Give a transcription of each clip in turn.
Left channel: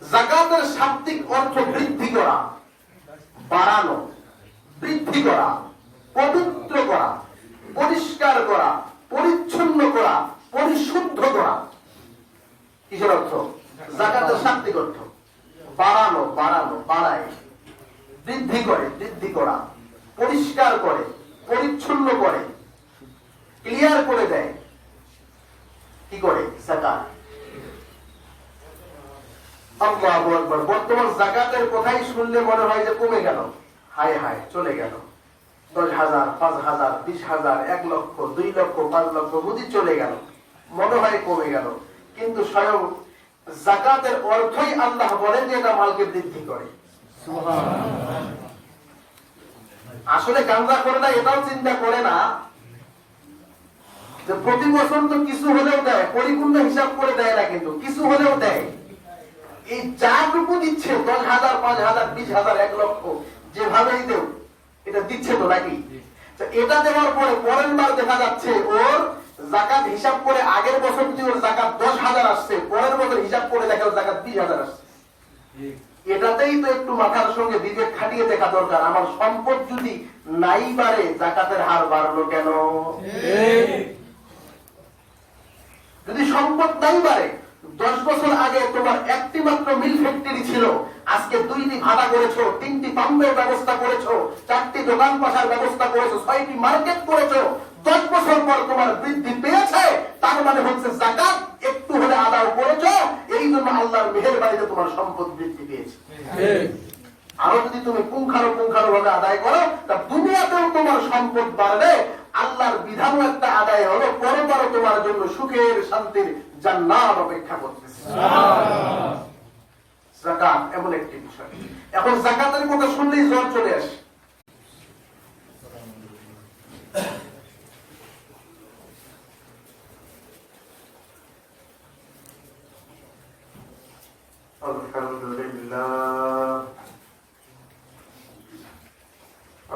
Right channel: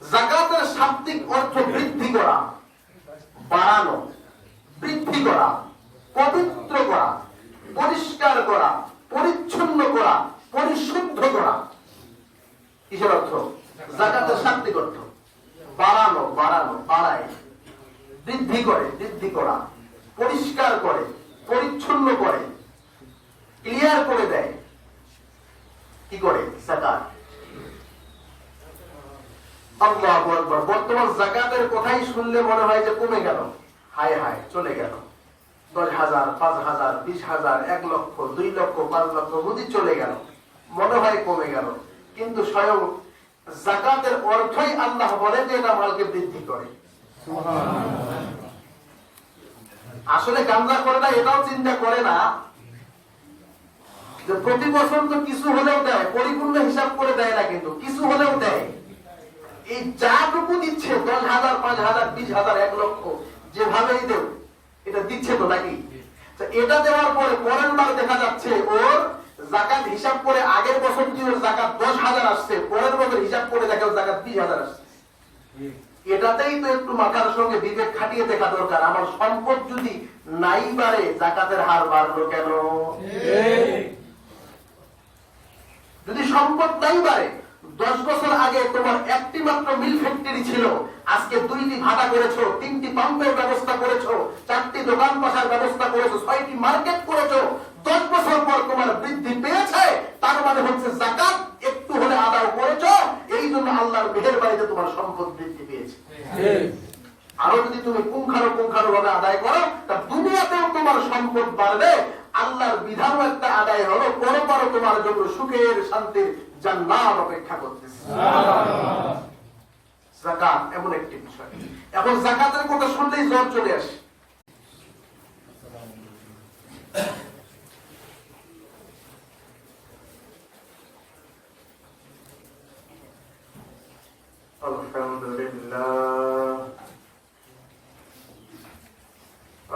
যাকাতের শাব্দিক অর্থ বৃদ্ধি করা, বাড়ানো, বৃদ্ধি করা, পবিত্র করা, পরিষ্কার করা, পরিচ্ছন্ন করা, পরিশুদ্ধ করা। কিসের অর্থ? যাকাতের শাব্দিক অর্থ বাড়ানো, বাড়ানো, বাড়ায়, বৃদ্ধি করে, বৃদ্ধি করা, পরিষ্কার করে, পরিচ্ছন্ন করে, ক্লিয়ার করে দেয়। কি করে? যাকাত। আল্লাহু আকবার। বর্তমান যাকাতের কথাই শুনলে মনে হয় যে কমে গেল, হায় হায় চলে গেল। 10,000, 5,000, 20,000, 1 লক্ষ, 2 লক্ষ, 5 লক্ষ বুঝি চলে গেল, মনে হয় কমে গেল। কিন্তু স্বয়ং যাকাতের অর্থই আল্লাহ বলেন যে এটা মালকে বৃদ্ধি করে। আসলে গাঁজা করে না, এটাও চিন্তা করে না যে প্রতি বছর তো কিছু হলেও দেয়, পরিপূর্ণ হিসাব করে দেয় না, কিন্তু কিছু হলেও দেয়। এই যাটুকু দিচ্ছে 10,000, 5,000, 20,000, 1 লক্ষ, যেভাবেই দেও এটা দিচ্ছে তো নাকি? এটা দেওয়ার পরে পরের বার দেখা যাচ্ছে ওর যাকাত হিসাব করে আগের বছর যদি ওর যাকাত 10,000 আসছে, পরের বছর হিসাব করে দেখে ওর যাকাত 20,000 আসছে। এটাতেই তো একটু মাথার সঙ্গে বিবেক খাটিয়ে দেখা দরকার। আমার সম্পদ যদি নাই বাড়ে, যাকাতের হার বাড়লো কেন? যদি সম্পদ নাই বাড়ে, 10 বছর আগে তোমার একটি মাত্র মিল ফ্যাক্টরি ছিল, আজকে 2টি ভাটা করেছো, 3টি পাম্পের ব্যবস্থা করেছো, 4টি দোকান পাশার ব্যবস্থা করেছো, 6টি মার্কেট করেছো, 10 বছর পর তোমার বৃদ্ধি পেয়েছে, তার মানে হচ্ছে যাকাত একটু হলে আদায় করেছো, এই জন্য আল্লাহর মেহেরবানিতে তোমার সম্পদ বৃদ্ধি পেয়েছে। আরো যদি তুমি পুঙ্খানুপুঙ্খানু ভাবে আদায় করো, তা দুনিয়াতেও তোমার সম্পদ বাড়বে, আল্লাহর বিধানও একটা আদায় হলো, পরপর তোমার জন্য সুখের শান্তির জান্নাত অপেক্ষা করতেছে। যাকাত এমন একটি বিষয়। এখন যাকাতের কথা শুনলেই জ্বর চলে আসে। আলহামদুলিল্লাহ,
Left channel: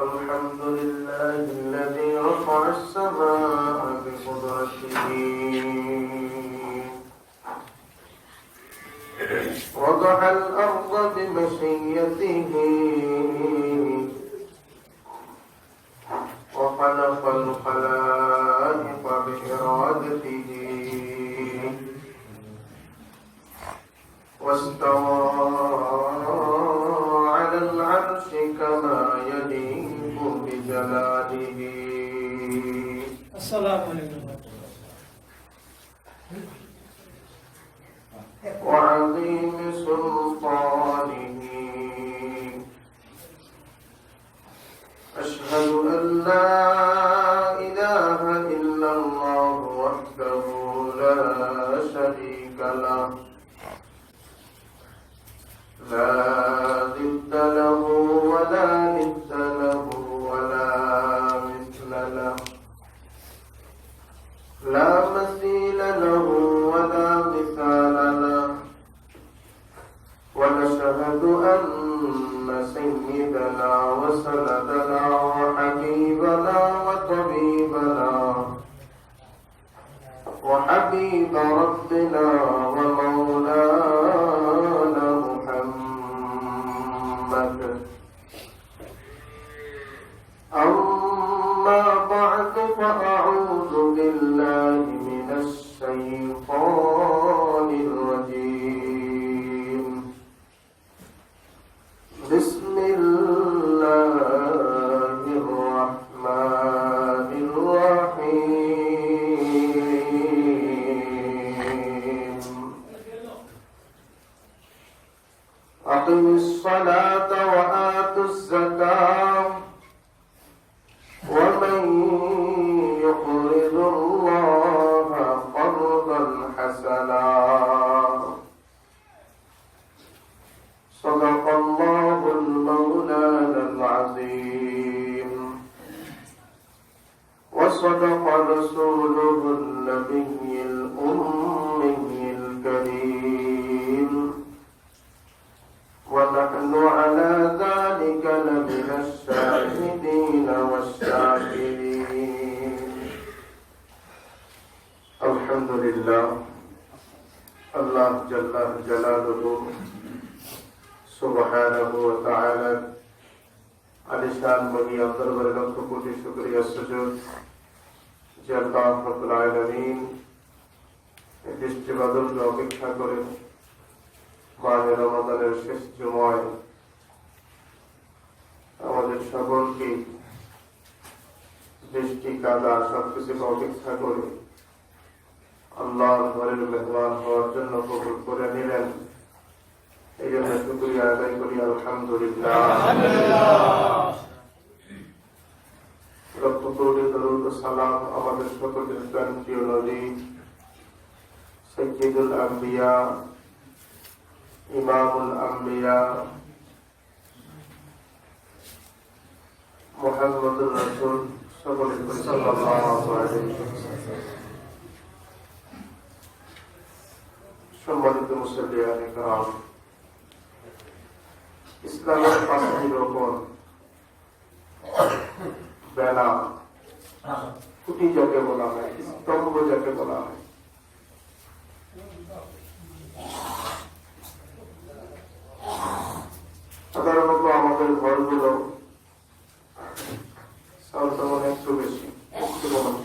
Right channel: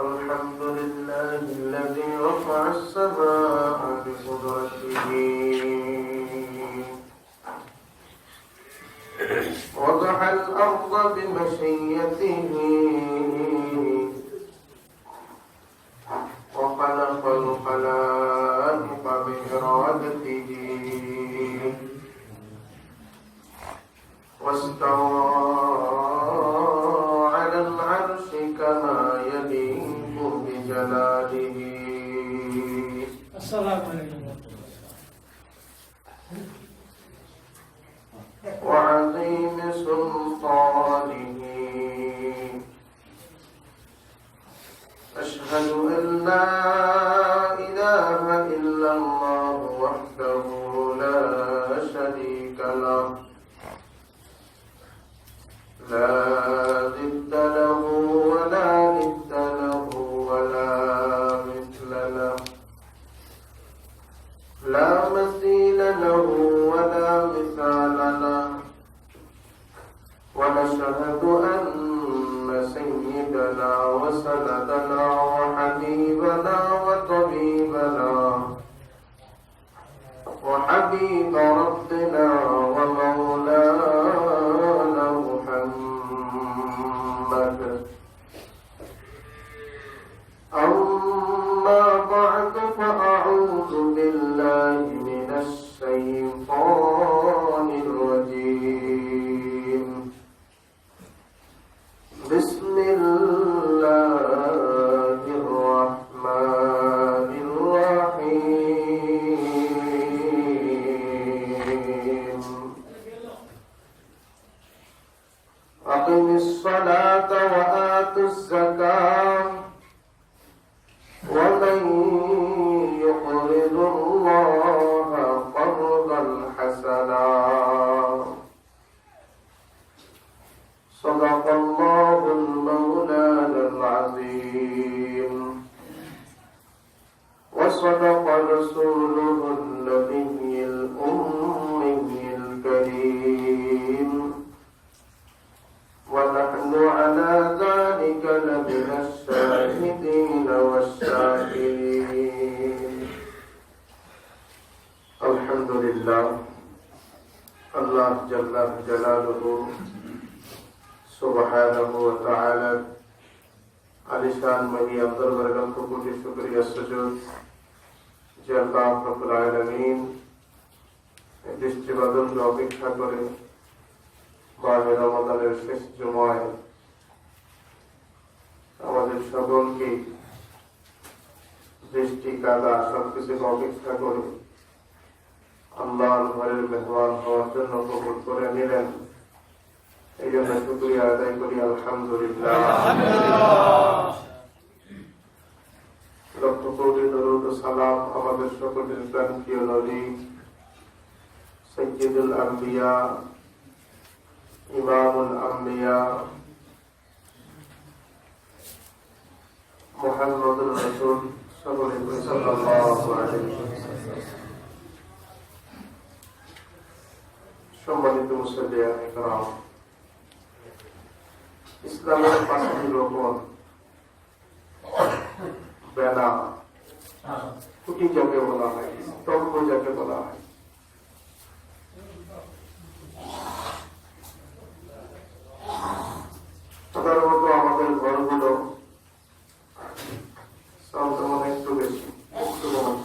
আলহামদুলিল্লাহিল্লাযী রাফা'a আস-সামা'a বিকুদরাতিহি وضع الأرض بمشيته وخلق الخلائق بإرادته واستوى على العرش كما يليق بجلاله. السلام عليكم. وعظيم سلطانه. أشهد أن لا إله إلا الله وحده لا شريك له، لا ضد له ولا ند له ولا مثل له، لا مثيل له ولا مثال له. ونشهد أن سيدنا وسندنا وحبيبنا وطبيبنا وحبيب ربنا ومولانا محمد. أما بعد، فأعوذ بالله من الشيطان الرجيم. بسم الله الرحمن الرحيم. أقم الصلاة وآتوا الزكاة ومن يقرض الله قرضا حسنا صدق الله المولانا العظيم وصدق رسوله النبي الأمي الكريم، ونحن على ذلك لمن الشاهدين والشاكرين. الحمد لله. الله جل جلاله সুবহানাহু ওয়া তাআলা আলিশান মহিয়ার দরবারে লক্ষ কোটি শুকরিয়া সুজুদ যে আল্লাহ রাব্বুল আলামিন বৃষ্টি বাদলকে অপেক্ষা করে মাহে রমাদানের শেষ জুমায় আমাদের সকলকে বৃষ্টি কাদা সবকিছুকে অপেক্ষা করে আল্লাহর ঘরের মেহমান হওয়ার জন্য কবুল করে নিলেন। এই জন্য শুকরিয়া আদায় করি আলহামদুলিল্লাহ। লক্ষ কোটি দরুদ ও সালাম আমাদের সকলের প্রিয় নবী সাইয়্যিদুল আম্বিয়া ইমামুল আম্বিয়া মুহাম্মদুর রাসূল সাল্লাল্লাহু আলাইহি ওয়াসাল্লাম। সম্মানিত মুসলিয়ান کرام, ইসলামের পাঁচটি রকম বেলা খুঁটি যাকে বলা হয়, স্তম্ভ যাকে বলা হয়, সাধারণত আমাদের ঘরগুলো একটু বেশি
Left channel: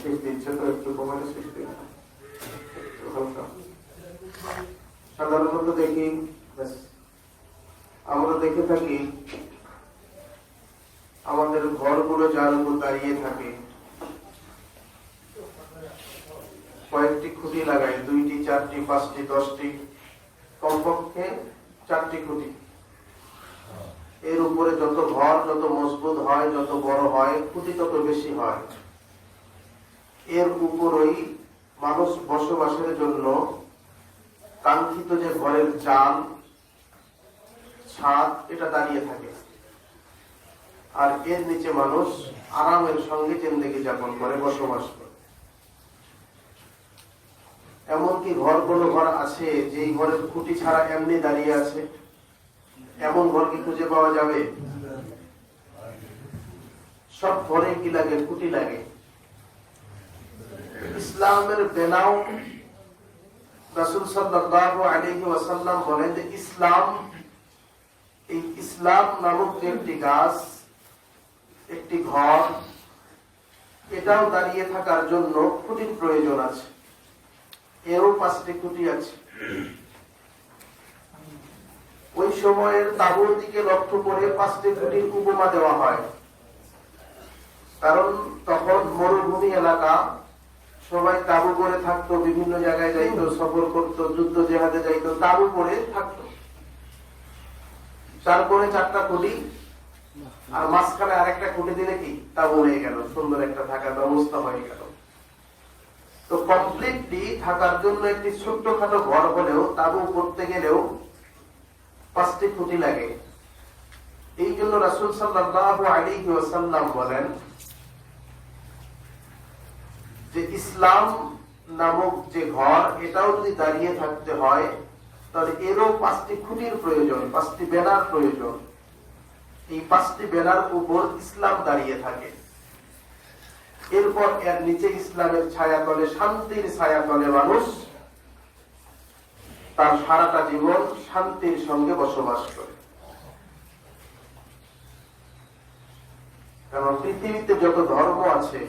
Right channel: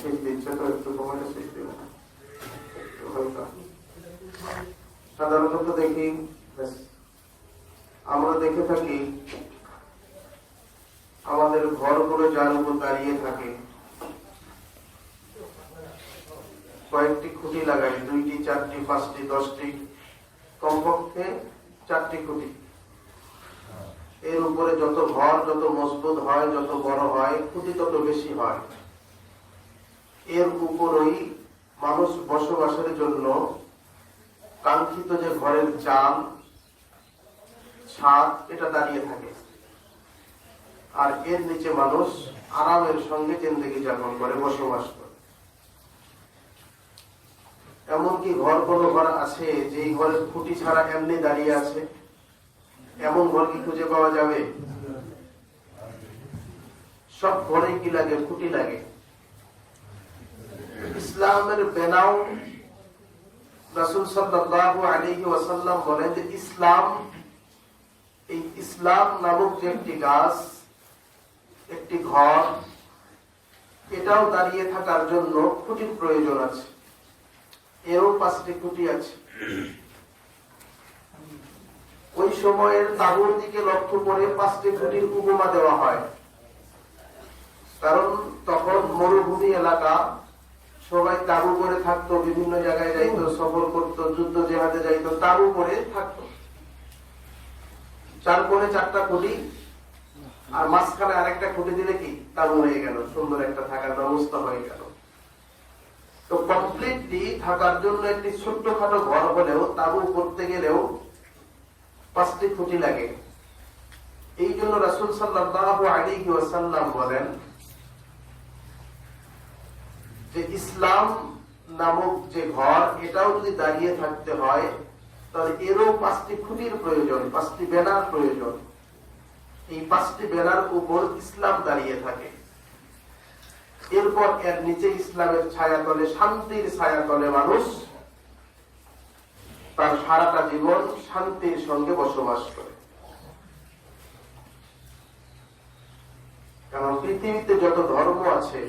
শীত দিচ্ছে তো একটু কমাতে সৃষ্টি সাধারণত দেখি আমরা দেখে থাকি আমাদের ঘরগুলো যার উপর দাঁড়িয়ে থাকে কয়েকটি খুঁটি লাগায়, 2টি 4টি 5টি 10টি, কমপক্ষে 4টি খুঁটি। এর উপরে যত ঘর যত মজবুত হয়, যত বড় হয়, খুঁটি তত বেশি হয়। এর উপরেই মানুষ বসবাসের জন্য কাঙ্ক্ষিত যে ঘরের চাল ছাদ এটা দাঁড়িয়ে থাকে, আর এর নিচে মানুষ আরামের সঙ্গে জিন্দেগি যাপন করে, বসবাস করে। এমনকি কোনো ঘর আছে যেই ঘরের খুঁটি ছাড়া এমনি দাঁড়িয়ে আছে? এমন ঘর কি খুঁজে পাওয়া যাবে? সব ঘরে কি লাগে? খুঁটি লাগে। ইসলামের বেনাও রাসূল সাল্লাল্লাহু আলাইহি ওয়াসাল্লাম বলেন যে ইসলাম নামক যে একটি গাছ, একটি ঘর, এটাও দাঁড়িয়ে থাকার জন্য খুঁটির প্রয়োজন আছে। এরও 5টি খুঁটি আছে। ওই সময়ের তাঁবুর দিকে লক্ষ্য করে 5টি খুঁটির উপমা দেওয়া হয়, কারণ তখন মরুভূমি এলাকা, সবাই তাঁবু করে থাকতো, বিভিন্ন জায়গায় যাইতো, সফর করতো, যুদ্ধ জেহাদে যাইতো, তাঁবু করে থাকতো। 4 করে 4টা খুঁটি, আর মাঝখানে আরেকটা খুঁটি দিলে কি তাঁবু হয়ে গেল, সুন্দর একটা থাকার ব্যবস্থা হয়ে গেল। তো কমপ্লিটলি থাকার জন্য একটি ছোট্টখাটো ঘর হলেও তাঁবু করতে গেলেও 5টি খুঁটি লাগে। এই জন্য রাসূল সাল্লাল্লাহু আলাইহি ওয়াসাল্লাম বলেন যে ইসলাম নামক যে ঘর, এটাও যদি দাঁড়িয়ে থাকতে হয় তাহলে এরও 5টি খুঁটির প্রয়োজন, 5টি বেনার প্রয়োজন। এই 5টি বেনার উপর ইসলাম দাঁড়িয়ে থাকে। এরপর এর নিচে ইসলামের ছায়াতলে, শান্তির ছায়াতলে মানুষ তার সারাটা জীবন শান্তির সঙ্গে বসবাস করে। কারণ পৃথিবীতে যত ধর্ম আছে,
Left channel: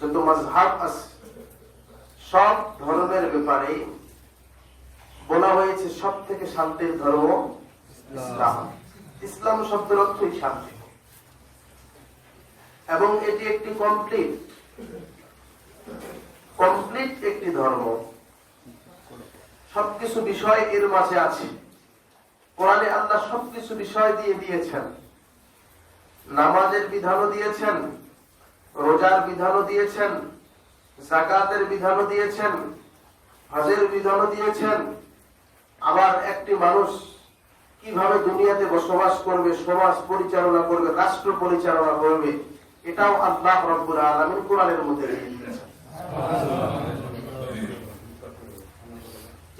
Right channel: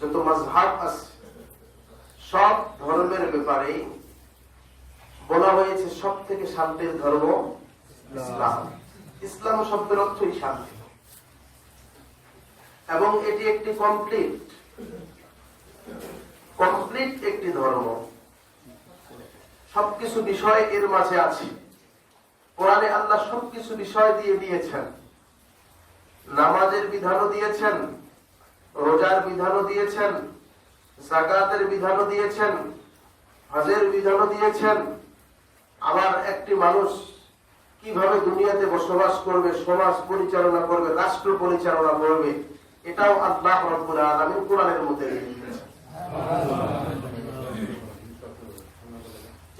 যত মাযহাব আছে, সব ধর্মের ব্যাপারে বলা হয়েছে সব থেকে শান্তির ধর্ম ইসলাম। ইসলাম শব্দের অর্থই শান্তি, এবং এটি একটি কমপ্লিট একটি ধর্ম। সবকিছু বিষয় এর মাঝে আছে। কোরআনে আল্লাহ সবকিছু বিষয় দিয়ে দিয়েছেন। নামাজের বিধানও দিয়েছেন, রোজার বিধানও দিয়েছেন, যাকাতের বিধানও দিয়েছেন, হজের বিধানও দিয়েছেন। আবার একটি মানুষ কিভাবে দুনিয়াতে বসবাস করবে, সমাজ পরিচালনা করবে, রাষ্ট্র পরিচালনা করবে, এটাও আল্লাহ রাব্বুল আলামিন কোরআনের মধ্যে রেখে দিয়েছেন।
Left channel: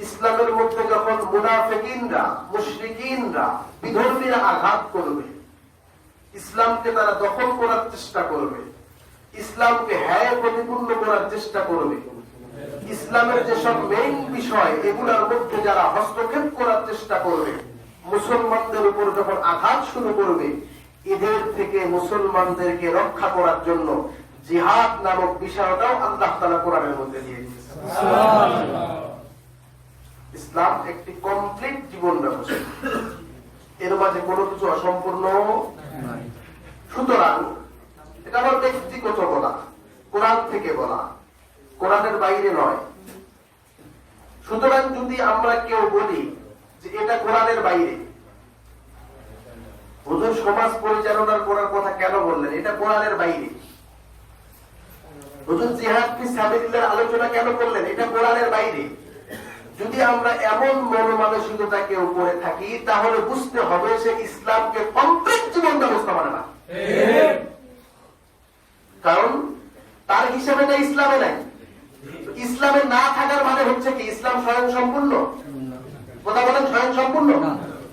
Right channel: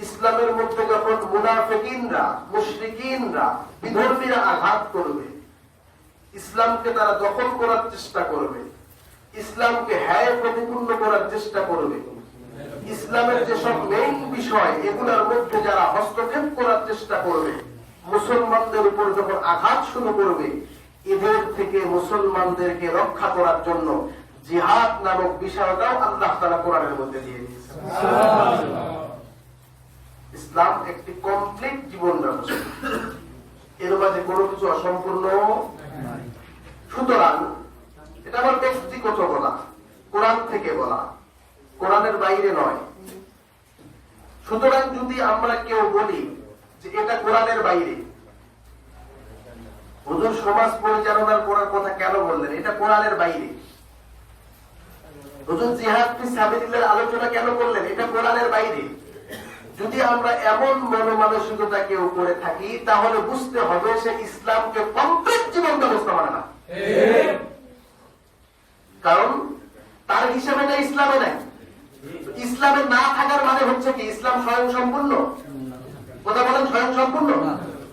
ইসলামের মধ্যে যখন মুনাফিকিনরা, মুশরিকিনরা, বিধর্মীরা আঘাত করবে, ইসলামকে তারা দখল করার চেষ্টা করবে, ইসলামকে হ্যায় প্রতিপূর্ণ করার চেষ্টা করবে, ইসলামের যেসব মেইন বিষয় এগুলোর মধ্যে যারা হস্তক্ষেপ করার চেষ্টা করবে, মুসলমানদের উপর যখন আঘাত শুরু করবে, এদের থেকে মুসলমানদেরকে রক্ষা করার জন্য জিহাদ নামক বিষয়টাও আল্লাহ তাআলা কোরআনের মধ্যে দিয়ে দিয়েছেন। ইসলাম একটি কমপ্লিট জীবন ব্যবস্থা, এর মাঝে কোনো কিছু অসম্পূর্ণ। সুতরাং এটা আমার ব্যক্তিগত বলা, কোরআন থেকে বলা, কোরআনের বাইরে নয়। সুতরাং যদি আমরা কেউ বলি যে এটা কোরআনের বাইরে, হুজুর সমাজ পরিচালনার করার কথা কেন বললেন, এটা কোরআনের বাইরে। হুজুর জিহাদ ফি সাবিলিল্লাহর আলোচনা কেন করলেন, এটা কোরআনের বাইরে। যদি আমরা এমন মনোমানসিকতা কেউ করে থাকি, তাহলে বুঝতে হবে সে ইসলামকে কমপ্লিট জীবন ব্যবস্থা মানে না। কারণ তার হিসাবে না ইসলামে নাই। ইসলামে না থাকার মানে হচ্ছে কি ইসলাম স্বয়ং সম্পূর্ণ? কথা বলেন, স্বয়ং সম্পূর্ণ।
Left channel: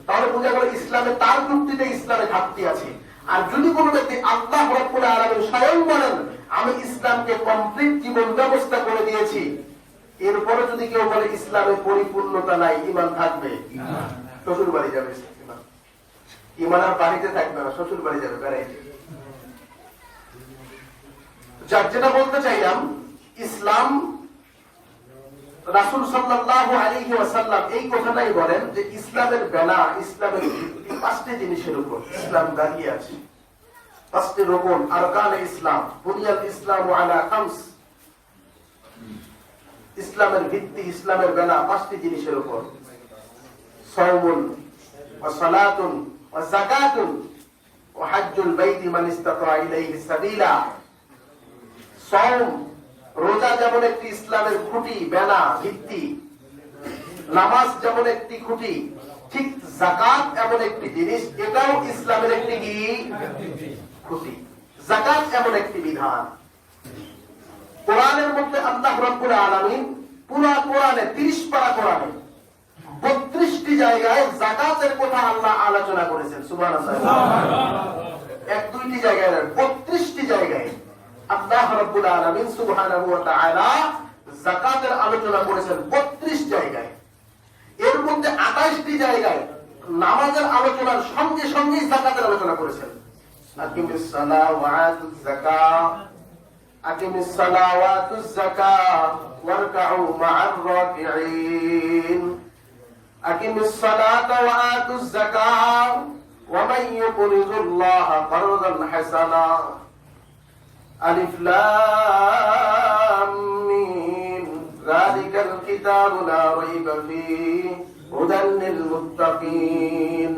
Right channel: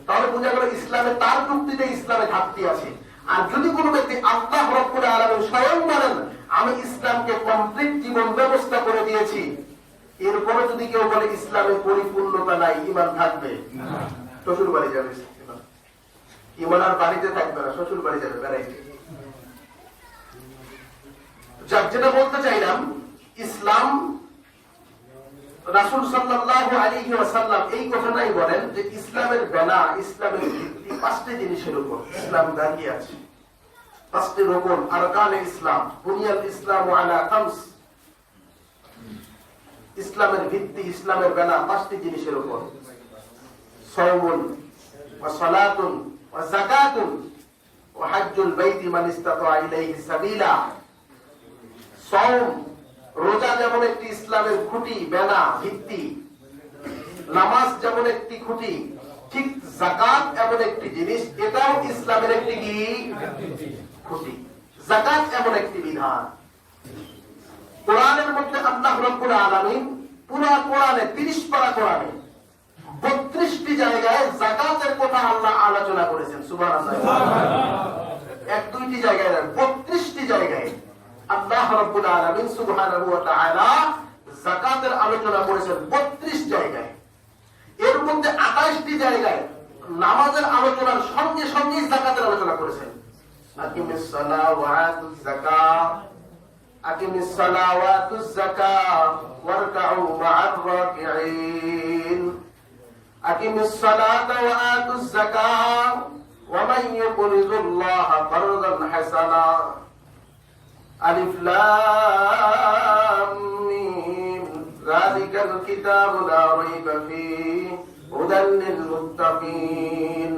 তাহলে বুঝা গেল ইসলামে তার যুক্তিতে ইসলামে ঘাটতি আছে। আর যদি কোনো ব্যক্তি আল্লাহ রাব্বুল আলামিন স্বয়ং বলেন আমি ইসলামকে কমপ্লিট জীবন ব্যবস্থা করে দিয়েছি, এরপরে যদি কেউ বলে ইসলামের পরিপূর্ণতা নাই, ঈমান থাকবে? শ্বশুর বাড়ি যাবে, ঈমান আর বাড়িতে থাকবে না, শ্বশুর বাড়ি যাবে বেড়াইতে। যেটা বলতে চাইলাম, ইসলাম রাসূল সাল্লাল্লাহু আলাইহি ওয়াসাল্লাম এই কথাটাই বলেন যে ইসলামের বেনা, ইসলামের ভিত্তি পাঁচটি জিনিসের উপর ইসলাম দাঁড়িয়ে আছে। পাঁচটি রকম আরকানে ইসলাম, বুনিয়াল ইসলামু আলা খামস। ইসলামের ভিত্তি, ইসলামের বেনা পাঁচটি জিনিসের উপর: সাওমুন ওয়া সালাতুন ওয়া যাকাতুন ওয়া হজ্জুল বাইতি মান ইসতাতা ইলাইহি সাবিলা। সাওম, রোজা যেমন একটি ইসলামের খুঁটি, বেনা, ভিত্তি, নামাজ যেমন একটি খুঁটি, ঠিক যাকাত এমন একটি জিনিস, এটাও ইসলামের একটি খুঁটি। যাকাত এমন একটি বিধান। কোরআনের মধ্যে আল্লাহ রাব্বুল আলামিন পুরা কোরআনে 30 পারা কোরআনে 32টি জায়গায় যাকাতের কথা আল্লাহ আলোচনা করেছেন। সুবহানাল্লাহ। এক দুইটি জায়গায় না, 32টি জায়গায় আল্লাহ রাব্বুল আলামিন সুবহানাহু ওয়া তাআলা যাকাতের আলোচনা করেছেন 32 জায়গায়। এর মধ্যে 28টি জায়গায় নামাজের আলোচনার সঙ্গে সঙ্গে যাকাতের আলোচনা করেছেন। আকিমিস সালাহ ওয়া আতুজ যাকাত, আকিমিস সালাহ ওয়া আতুজ যাকাত ওয়ারকাউ মা'আর রাকিঈন, আকিমিস সালাতা ওয়া আতুজ যাকাত ওয়া মান ইউকরিদুল্লাহা কারদান হাসানা। আলিফ লাম মিম, যালিকাল কিতাবু লা রাইবা ফীহি হুদাল লিল মুত্তাকিন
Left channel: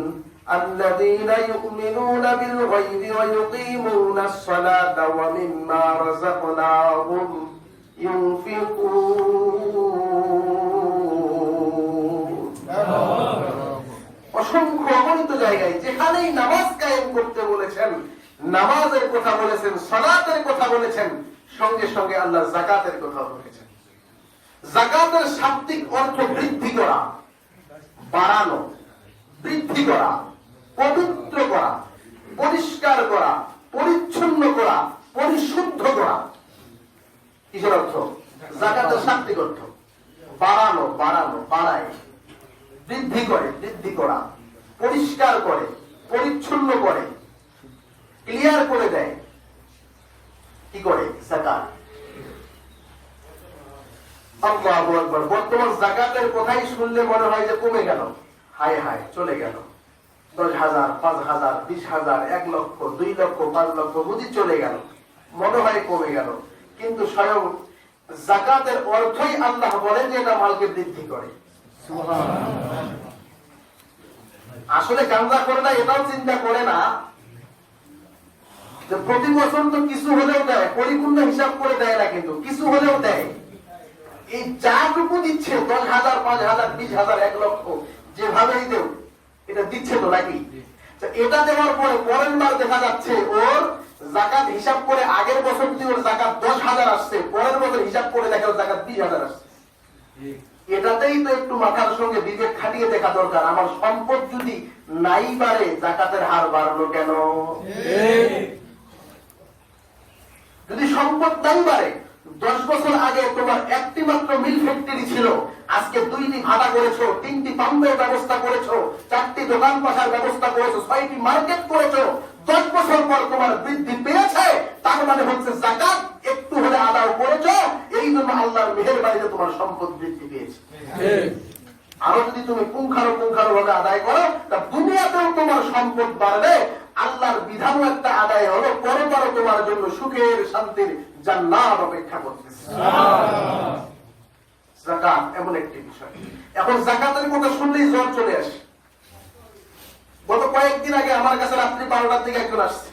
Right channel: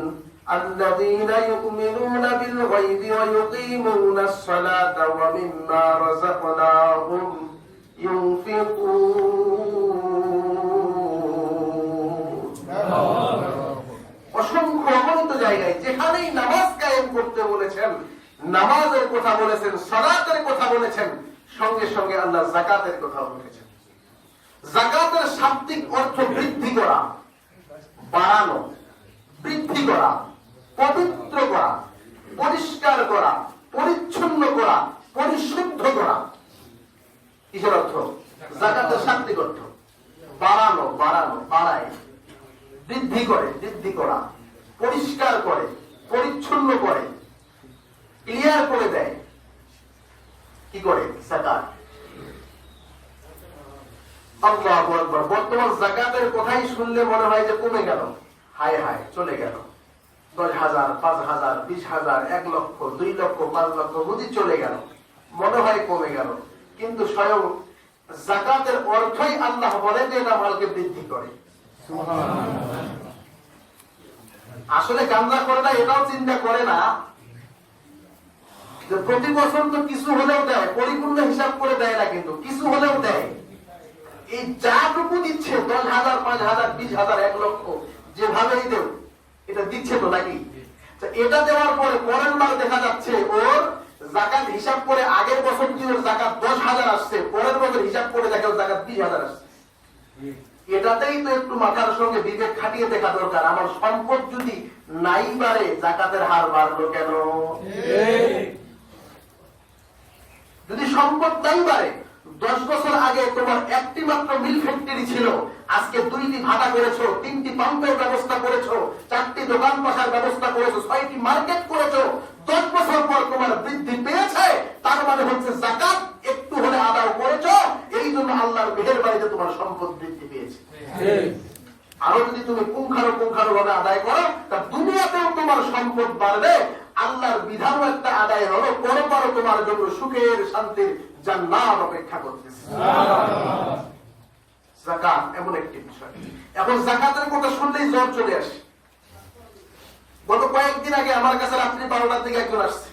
আল্লাযীনা ইউমিনুনা বিল গায়বি ওয়া ইউকিমুনাস সালাতা ওয়া মিম্মা রাযাকনাহুম ইউনফিকুন। অসংখ্য অগণিত জায়গায় যেখানেই নামাজ কায়েম করতে বলেছেন, নামাজের কথা বলেছেন, সালাতের কথা বলেছেন, সঙ্গে সঙ্গে আল্লাহ যাকাতের কথা বলেছেন। যাকাতের শাব্দিক অর্থ বৃদ্ধি করা, বাড়ানো, বৃদ্ধি করা, পবিত্র করা, পরিষ্কার করা, পরিচ্ছন্ন করা, পরিশুদ্ধ করা। কিসের অর্থ? যাকাতের শাব্দিক অর্থ বাড়ানো, বাড়ানো, বাড়ায়, বৃদ্ধি করে, বৃদ্ধি করা, পরিষ্কার করে, পরিচ্ছন্ন করে, ক্লিয়ার করে দেয়। কি করে? যাকাত। আল্লাহু আকবার। বর্তমান যাকাতের কথাই শুনলে মনে হয় যে কমে গেল, হায় হায় চলে গেল। 10,000, 5,000, 20,000, 1 লক্ষ, 2 লক্ষ, 5 লক্ষ বুঝি চলে গেল, মনে হয় কমে গেল। কিন্তু স্বয়ং যাকাতের অর্থই আল্লাহ বলেন যে এটা মালকে বৃদ্ধি করে। আসলে গান্দা করে না, এটাও চিন্তা করে না যে প্রতি বছর তো কিছু হলেও দেয়, পরিপূর্ণ হিসাব করে দেয় না, কিন্তু কিছু হলেও দেয়। এই যাটুকু দিচ্ছে 10,000, 5,000, 20,000, 1 লক্ষ, যেভাবেই দেও এটা দিচ্ছে তো নাকি? এটা দেওয়ার পরে পরের বার দেখা যাচ্ছে ওর যাকাত হিসাব করে আগের বছর যে ওর যাকাত 10,000 আসছে, পরের বছর হিসাব করে দেখে ওর যাকাত 20,000 আসছে। এটাতেই তো একটু মাথার সঙ্গে বিবেক খাটিয়ে দেখা দরকার। আমার সম্পদ যদি নাই বাড়ে, যাকাতের হার বাড়লো কেন? যদি সম্পদ নাই বাড়ে, 10 বছর আগে তোমার একটি মাত্র মিল ফ্যাক্টরি ছিল, আজকে 2টি ভাটা করেছো, 3টি পাম্পের ব্যবস্থা করেছো, 4টি দোকান পাশার ব্যবস্থা করেছো, 6টি মার্কেট করেছো। 10 বছর পর তোমার বৃদ্ধি পেয়েছে, তার মানে হচ্ছে যাকাত একটু হলে আদায় করেছো, এই জন্য আল্লাহর মেহেরবানিতে তোমার সম্পদ বৃদ্ধি পেয়েছে। আরো যদি তুমি পুঙ্খানুপুঙ্খানু ভাবে আদায় করো, তা দুনিয়াতেও তোমার সম্পদ বাড়বে, আল্লাহর বিধানও একটা আদায় হলো, পরপর তোমার জন্য সুখের শান্তির জান্নাত অপেক্ষা করতেছে। যাকাত এমন একটি বিষয়। এখন যাকাতের কথা শুনলেই জ্বর চলে আসে। গত কয়েকদিন আগে আমার কাছে রাত্রি 12টার দিকে একজন আসছে,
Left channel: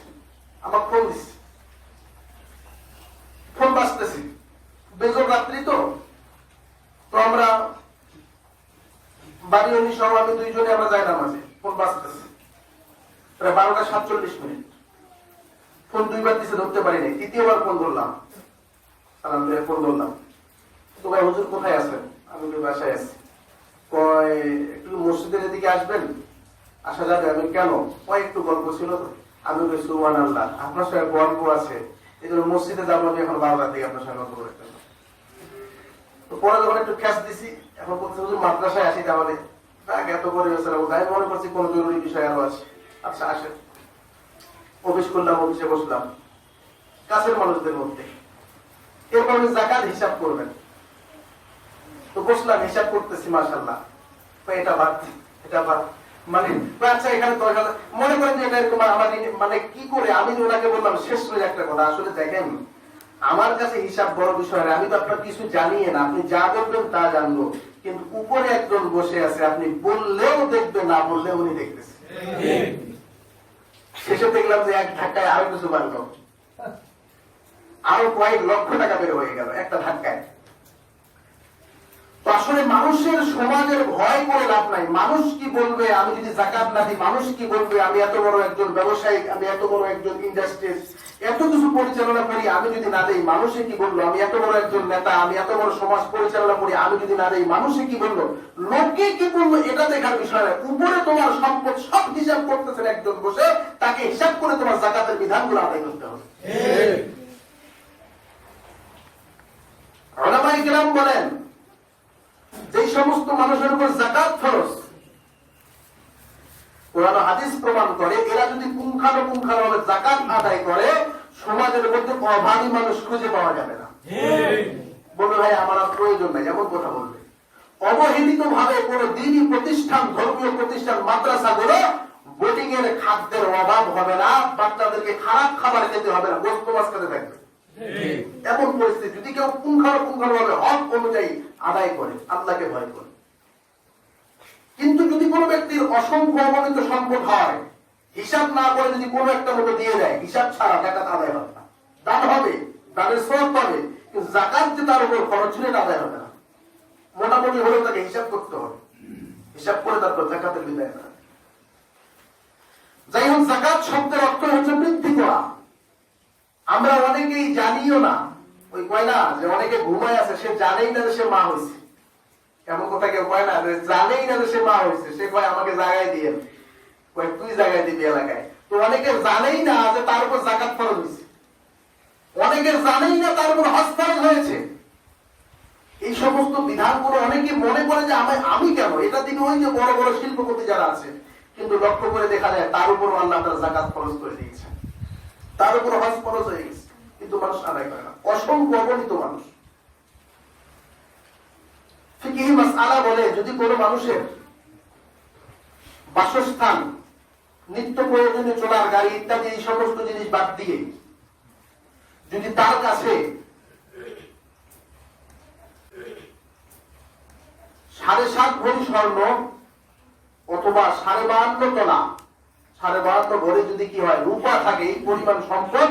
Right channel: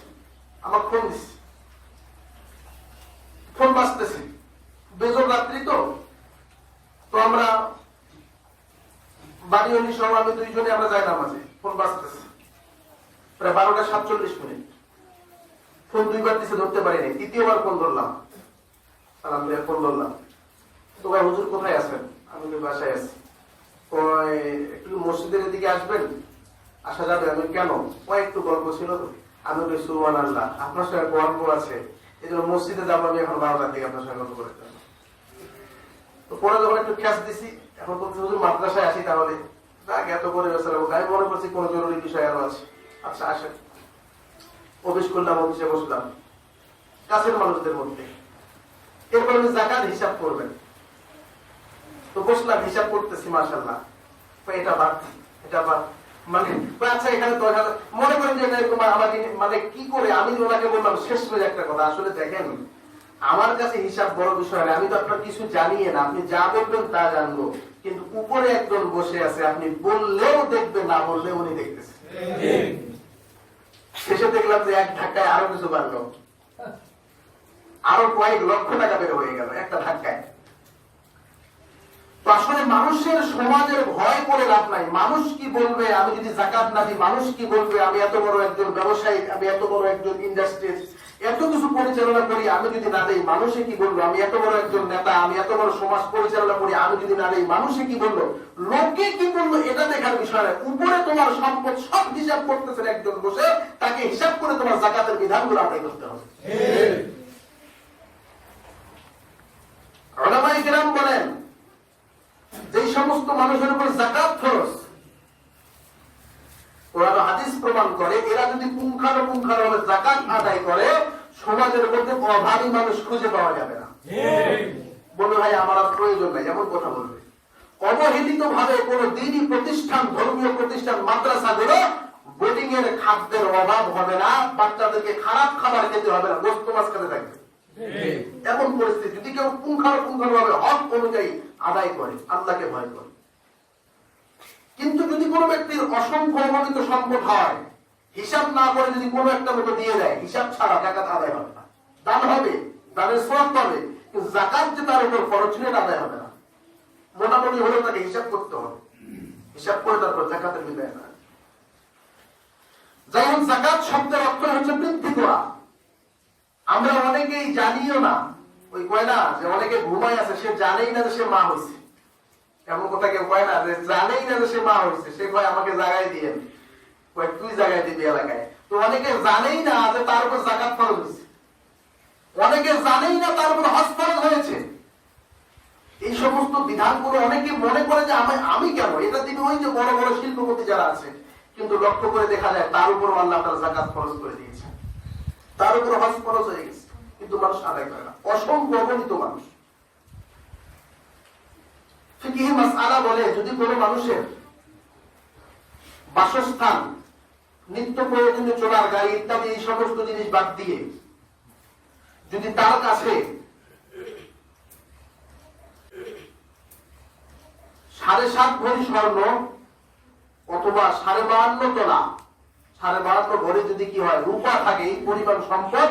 আমার ফোন দিচ্ছে, ফোন বাজতেছে, বেজর রাত্রি তো আমরা বাড়ি হলি সহ আমি দুইজনে আমরা যাই নামাজে, ফোন বাজতেছে প্রায় 12:47। ফোন দুইবার দিছে, ধরতে পারি নাই, তৃতীয়বার ফোন ধরলাম, সালাম দিয়ে ফোন ধরলাম, তো ভাই হুজুর কোথায় আছেন? আমি বাসায় আছি। কয় একটু মসজিদের দিকে আসবেন? আসা যাবে? আমি কেন? কয় একটু গল্প ছিল তো। আমি বলি সুবহানাল্লাহ, আপনার সঙ্গে গল্প আছে, এই জন্য মসজিদে যাবো আমি এখন 12টার দিকে আপনার সঙ্গে গল্প করে। তো পরে যখন একটু খ্যাস দিছি, এখন বলতে হুজুর মাদ্রাসায় আসি, তাহলে এত করে আমি মনে করছি কোন জরুরি বিষয় আরো আছে। আচ্ছা আসেন। অফিস করলাম, অফিসে বসলাম কাছের মানুষদের মধ্যে, এরপর আমি যাকাত হিসাব করবেন, তো বসলাম, হিসাব করতেছি, মাশাআল্লাহ এটা বাদ, এটা বাদ, মানে আচ্ছা এখানে 10,000 মনে করেন যে এটা তোমার আমার মানে কি করে আমি ওনাকে বললাম শেষ করে একটা কথা, আসলে দেখেন আমার কাছে হিসাব বড় বিষয়, আমি তো আপনার কিছু জানি না, আপনি যা বলবেন তা জানবো, কিন্তু উপরে একজন বসে আছে, আপনি বললেও দেখবে, না বললেও উনি দেখতেছে। শেষে দেখলাম যে এক ধাক্কায় আরো কিছু বাড়লো, আরো কয়েক লক্ষ টাকা বের হয়ে গেল একটা ধাক্কায়। তো আসলে মানুষের সমাজের ভয় করে লাভ নাই। মানুষ কি বলবে আমি যদি যাকাত না দিই, মানুষ কি বলবে আমি এত বড় একজন ব্যবসায়ী, আমি এত বড় একজন ইন্ডাস্ট্রিজ এত কিছু পরিচালনা করি, আমি যদি না দেই মানুষে কি বললো, আমি এত বড় একজন নেতা, আমি এত বড় সমাজ পরিচালনা করি, আমি যদি না দেই মানুষে কি বললো, লোকে কি বললো, এটা দেখার বিষয়। উপরে তোমার সম্পদ সব হিসাব করতেছেন একজন বসে, তাকে হিসাব করে তোমার যাকাতের বিধানগুলো আদায় করতে হবে। উলামায়ে কেরাম বলেন যে সমস্ত মানুষের উপর যাকাত ফরজ, কোরআন হাদিস প্রমাণ করে, এরা যদি পুঙ্খানুপুঙ্খানুভাবে যাকাত আদায় করে, সমাজের মধ্যে অভাবী মানুষ খুঁজে পাওয়া যাবে না। বলবে ভাই আমার আর প্রয়োজন নাই, এমন কথা বলবে। অবহেলিত ভাবে কোন দিনই প্রতিষ্ঠান, ধর্মীয় প্রতিষ্ঠান, মাদ্রাসাগুলো বোর্ডিং এর খাদ্যের অভাব হবে না, বাচ্চাদেরকে খারাপ খাবার খেতে হবে না, গোস্ত মাছ খেতে থাকবে। এমন পরিস্থিতি যদি কেউ পুঙ্খানুপুঙ্খানুভাবে হক অনুযায়ী আদায় করে, আল্লাহকে ভয় করে। কিন্তু যদি কোনো ব্যক্তির অসংখ্য অগণিত সম্পদ হয়, হিসাব না করে যদি কোনো একটা মতো দিয়ে দেয়, হিসাব ছাড়া যাকাত আদায় হবে না। দান হবে, দানের সওয়াব পাবে, কিন্তু যাকাত যে তার উপর খরচ হলে আদায় হবে না। মোটামুটি হলেও তাকে হিসাব করতে হবে, হিসাব করে তারপর যাকাতের বিদায় করা। যাই হোক, যাকাত শব্দের অর্থ হচ্ছে বৃদ্ধি করা। আমরা অনেকেই জানিও না, ওই কয় না যে অনেকে ঘুমায় আছে, সে জানেই না যে সে মা হয়েছে। এমন কথা কেউ কয় না যে জানেই না যে সে মা হয়েছে, সে কয় আমাকে জায়গায় দিয়ে, কয় তুই জায়গায় দিবি এলাকায়। তো অনেকে জানেই না যে তার উপর যাকাত ফরজ হয়েছে, অনেকে জানেই না তার উপর হজ ফরজ হয়েছে। এই সমস্ত বিধানগুলো অনেকে মনে করে যে আমি কেন, এটা দিন ওই যে বড় বড় শিল্পপতি যারা আছে, কিন্তু লক্ষ্য করে দেখা যায় তার উপর আল্লাহ তার যাকাত ফরজ করে দিয়েছে, তার উপর হজ ফরজ হয়ে গেছে, কিন্তু মানুষ আদায় করে না। অসংখ্য অগণিত মানুষ। ফিকহি মাসআলা বলে, যদি কোনো মানুষের বাসস্থান, নিত্য প্রয়োজনীয় চলার গাড়ি ইত্যাদি এই সমস্ত জিনিস বাদ দিয়ে যদি তার কাছে 7.5 ভরি স্বর্ণ অথবা 52.5 তোলা, 52 ভরি যদি কি হয় রূপা থাকে, এই পরিমাণ সম্পদ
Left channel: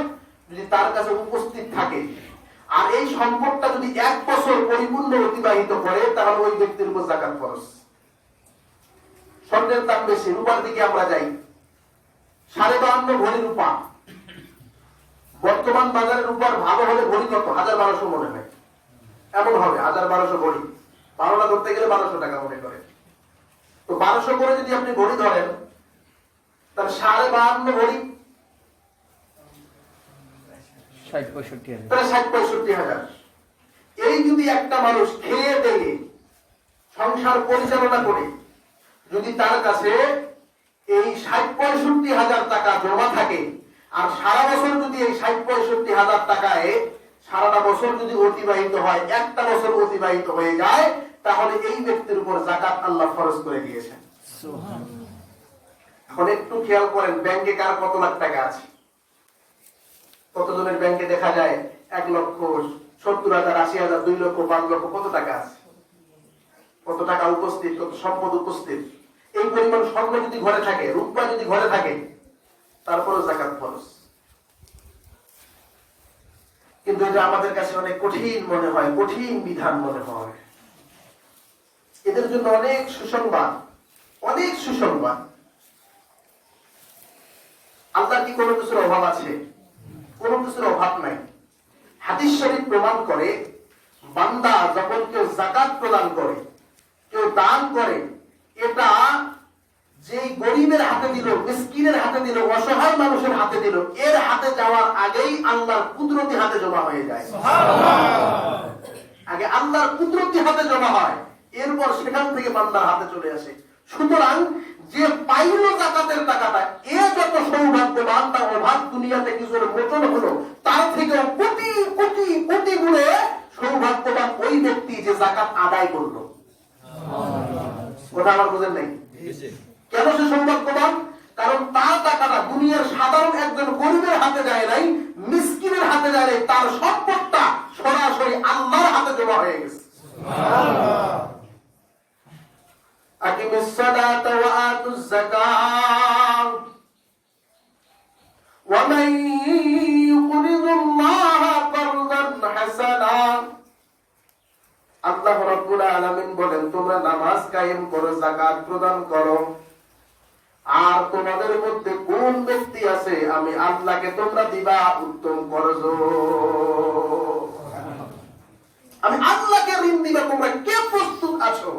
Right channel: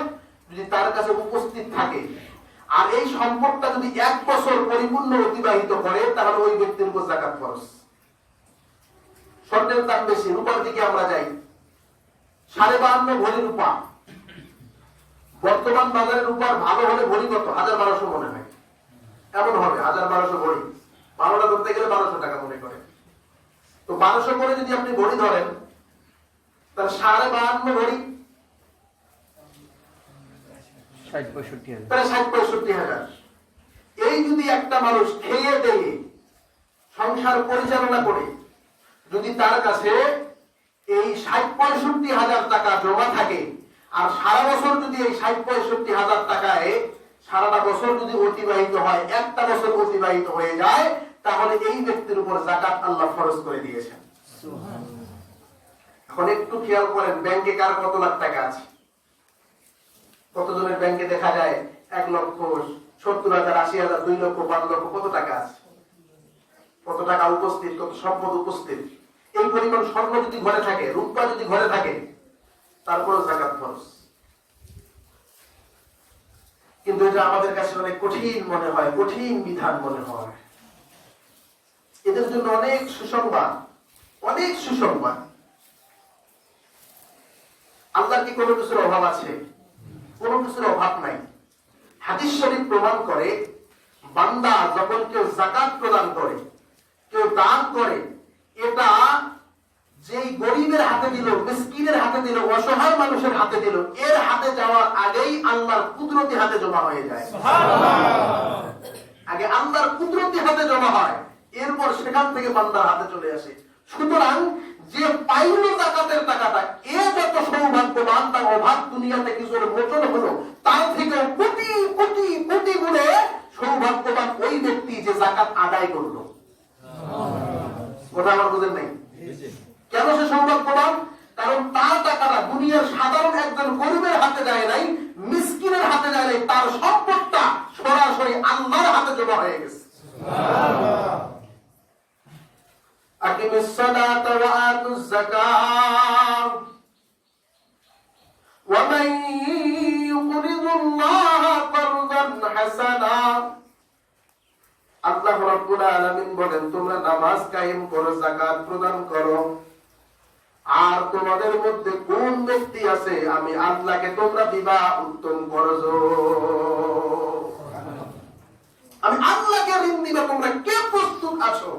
যদি তার কাছে উপস্থিত থাকে, আর এই সম্পদটা যদি 1 বছর পরিপূর্ণ অতিবাহিত করে, তাহলে ওই ব্যক্তির উপর যাকাত ফরজ। স্বর্ণের দাম বেশি, রূপার দিকে আমরা যাই, 52.5 ভরি রূপা। বর্তমান বাজারে রূপার ভালো হলে ভরি কত? 1200 মনে হয়, এমন হবে 1200 ভরি। 12টা ধরতে গেলে 1200 টাকা মনে করে। তো 1200 করে যদি আপনি ভরি ধরেন, তাহলে 52.5 ভরি 60-65 হাজার। তাহলে 60-65 হাজার। এই যদি একটা মানুষ খেয়ে দেয়ে সংসার পরিচালনা করে, যদি তার কাছে এই ৬০-৬৫ হাজার টাকা জমা থাকে, আর সারা বছর যদি এই ৬০-৬৫ হাজার টাকায় সারাটা বছর যদি অতিবাহিত হয়, একটা বছর অতিবাহিত হয়ে যায়, তাহলে এই ব্যক্তির উপর যাকাত আল্লাহ ফরজ করে দিয়েছেন। এখন একটু খেয়াল করেন, ব্যাংকে কার কত লাখ টাকা আছে? কতজনের ব্যাংকে দেখা যায় ১,৭০,০০০, ৮০,০০০, ২ লক্ষ, ৫ লক্ষ, কত টাকা আছে, কত টাকা উপস্থিত, কত সম্পদ উপস্থিত। এই পরিমাণ স্বর্ণ যদি ঘরে থাকে, রূপা যদি ঘরে থাকে, তারপরও যাকাত ফরজ। কিন্তু এটা আমাদের কাছে অনেক কঠিন মনে হয়, কঠিন বিধান মনে হয়। এদের জন্য অনেক সুসংবাদ, অনেক সুসংবাদ। আল্লাহর কি কোনো কিছুর অভাব আছে? কোনো কিছুর অভাব নাই। হাদিস শরীফ প্রমাণ করে, বান্দা যখন কেউ যাকাত প্রদান করে, কেউ দান করে, এটা যেই গরিবের হাতে দিল, মিসকিনের হাতে দিল, অসহায় মানুষের হাতে দিল, এর হাতে যাওয়ার আগেই আল্লাহর কুদরতি হাতে জমা হয়ে যায়। আগে আল্লাহর কুদরতি হাতে জমা হয়, এরপর সেখান থেকে বান্দার হাতে চলে আসে। সুতরাং যে পাইল যাকাতের টাকাটা, এ যত সৌভাগ্যবান, তার অভাব দুনিয়াতে কিছু মোচন হলো, তার থেকে কোটি কোটি কোটি গুণে সৌভাগ্যবান ওই ব্যক্তি যে যাকাত আদায় করলো। ওটা আমার বোঝেন নাই? কেন সে সৌভাগ্যবান? কারণ তার টাকাটা দুনিয়ার সাধারণ একজন গরিবের হাতে যায় নাই, মিসকিনের হাতে যায় নাই, তার সম্পদটা সরাসরি আল্লাহর হাতে জমা হয়ে গেছে। আকিমিস সালাতা ওয়া আতুজ যাকাত ওয়া মান ইউকরিদুল্লাহা কারদান হাসানা। আল্লাহ রাব্বুল আলামিন বলেন, তোমরা নামাজ কায়েম করো, যাকাত প্রদান করো, আর তোমাদের মধ্যে কোন ব্যক্তি আছে আমি আল্লাহকে তোমরা দিবা উত্তম করজ। আমি আল্লাহকে ঋণ দিবা, তোমরা কে প্রস্তুত আছো?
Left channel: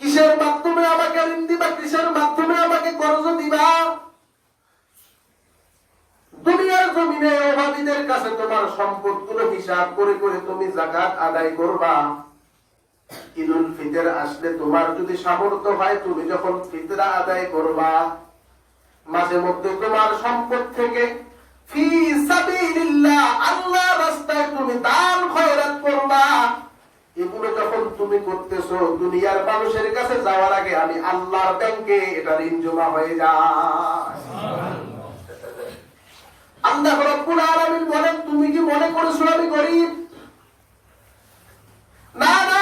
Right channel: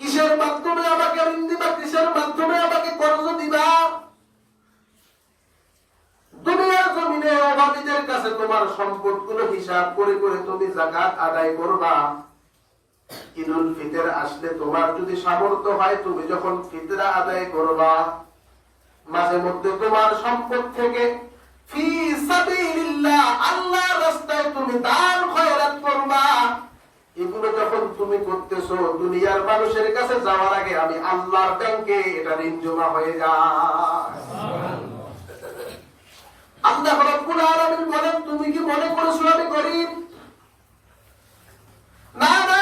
কিসের মাধ্যমে আমাকে ঋণ দিবা? কিসের মাধ্যমে আমাকে করজ দিবা? দুনিয়ার জমিনে অভাবীদের কাছে তোমার সম্পদগুলো হিসাব করে করে তুমি যাকাত আদায় করবা। ঈদুল ফিতর আসলে তোমার যদি সামর্থ্য হয়, তুমি যখন ফিতরা আদায় করবা, মাঝে মধ্যে তোমার সম্পদ থেকে ফি সাবিলিল্লাহ, আল্লাহর রাস্তায় তুমি দান খয়রাত করবা। এগুলো যখন তুমি করতেছো, দুনিয়ার মানুষের কাছে যাওয়ার আগে আমি আল্লাহর ব্যাংকে এটা ঋণ জমা হয়ে যায়। আল্লাহ রাব্বুল আলামিন বলেন, তুমি কি মনে করছো আমি গরিব? না না,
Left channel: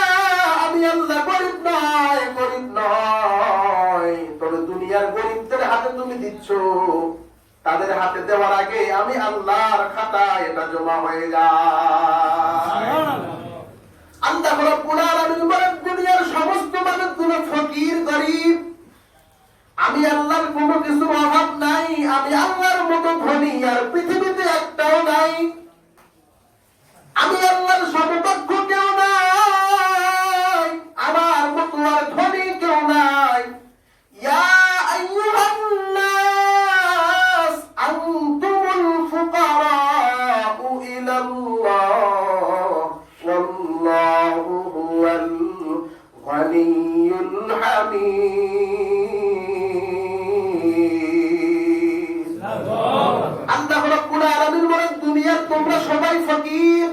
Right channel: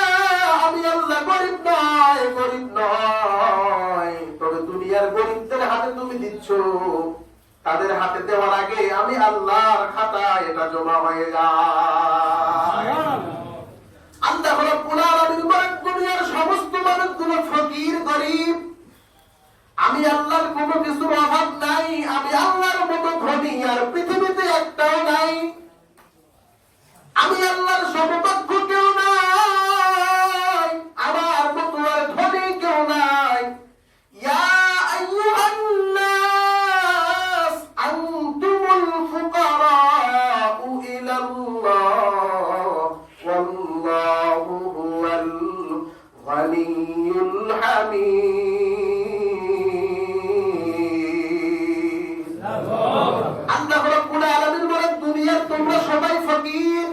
আমি আল্লাহ গরিব নয়, গরিব নয়। তবে দুনিয়ার গরিবদের হাতে তুমি দিচ্ছ, তাদের হাতে দেওয়ার আগে আমি আল্লাহর খাতায় এটা জমা হয়ে যায়। আল্লাহ রাব্বুল আলামিন বলেন, দুনিয়ার সমস্ত মানুষগুলো ফকির, গরিব, আমি আল্লাহর কোনো কিছুর অভাব নাই। আমি আল্লাহর মতো ধনী আর পৃথিবীতে একটাও নাই। আমি আল্লাহর সমকক্ষ কেউ নাই, আমার মতো আর ধনী কেউ নাই। ইয়া আইয়ুহান নাস আনতুমুল ফুকারাউ ইলাল্লাহ ওয়াল্লাহু হুয়াল গানিয়ুল হামিদ। আল্লাহ রাব্বুল আলামিন বলেন, দুনিয়ার তোমরা সবাই ফকির,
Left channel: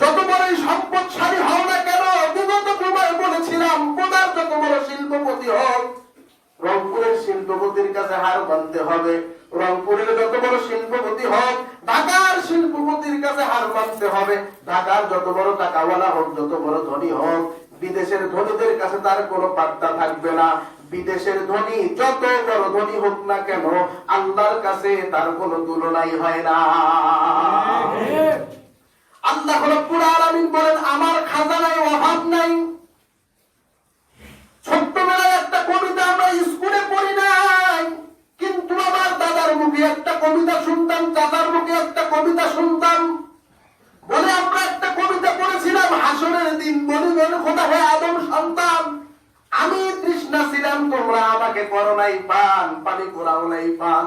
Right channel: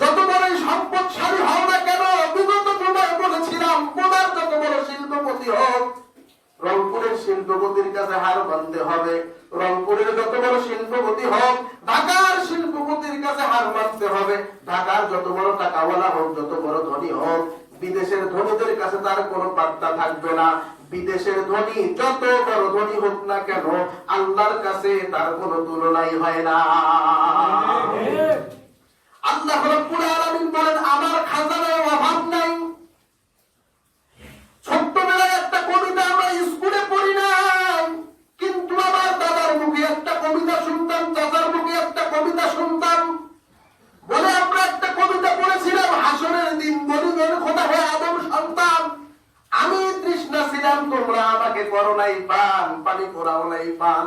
যত বড় সম্পদশালী হও না কেন। বিগত সময় বলেছিলাম, কোনার যত বড় শিল্পপতি হোক, রংপুরের শিল্পপতির কাছে হার মানতে হবে। রংপুরের যত বড় শিল্পপতি হোক, ঢাকার শিল্পপতির কাছে হার মানতে হবে। ঢাকার যত বড় টাকাওয়ালা হোক, যত বড় ধনী হোক, বিদেশের ধনীদের কাছে তার কোনো পাত্তা থাকবে না। বিদেশের ধনী যত বড় ধনী হোক না কেন, আল্লাহর কাছে তার কোনো তুলনাই হয় না। আল্লাহ রাব্বুল আলামিন বলেন, আমার খাজানায় অভাব নাই। ছোট্টবেলায় একটা কবিতা আমরা স্কুলে পড়ি নাই, কিন্তু আমার দাদার মুখে একটা কবিতা শুনতাম, চাচার মুখে একটা কবিতা শুনতাম। বলে আমরা একটা কবিতা পড়েছিলাম, হাসরের দিন বলিবেন খোদা হে আদম সন্তান, আমি তৃষ্ণা ছিলাম, তোমরা আমাকে করো নাই পান, পানি করাও নাই পান।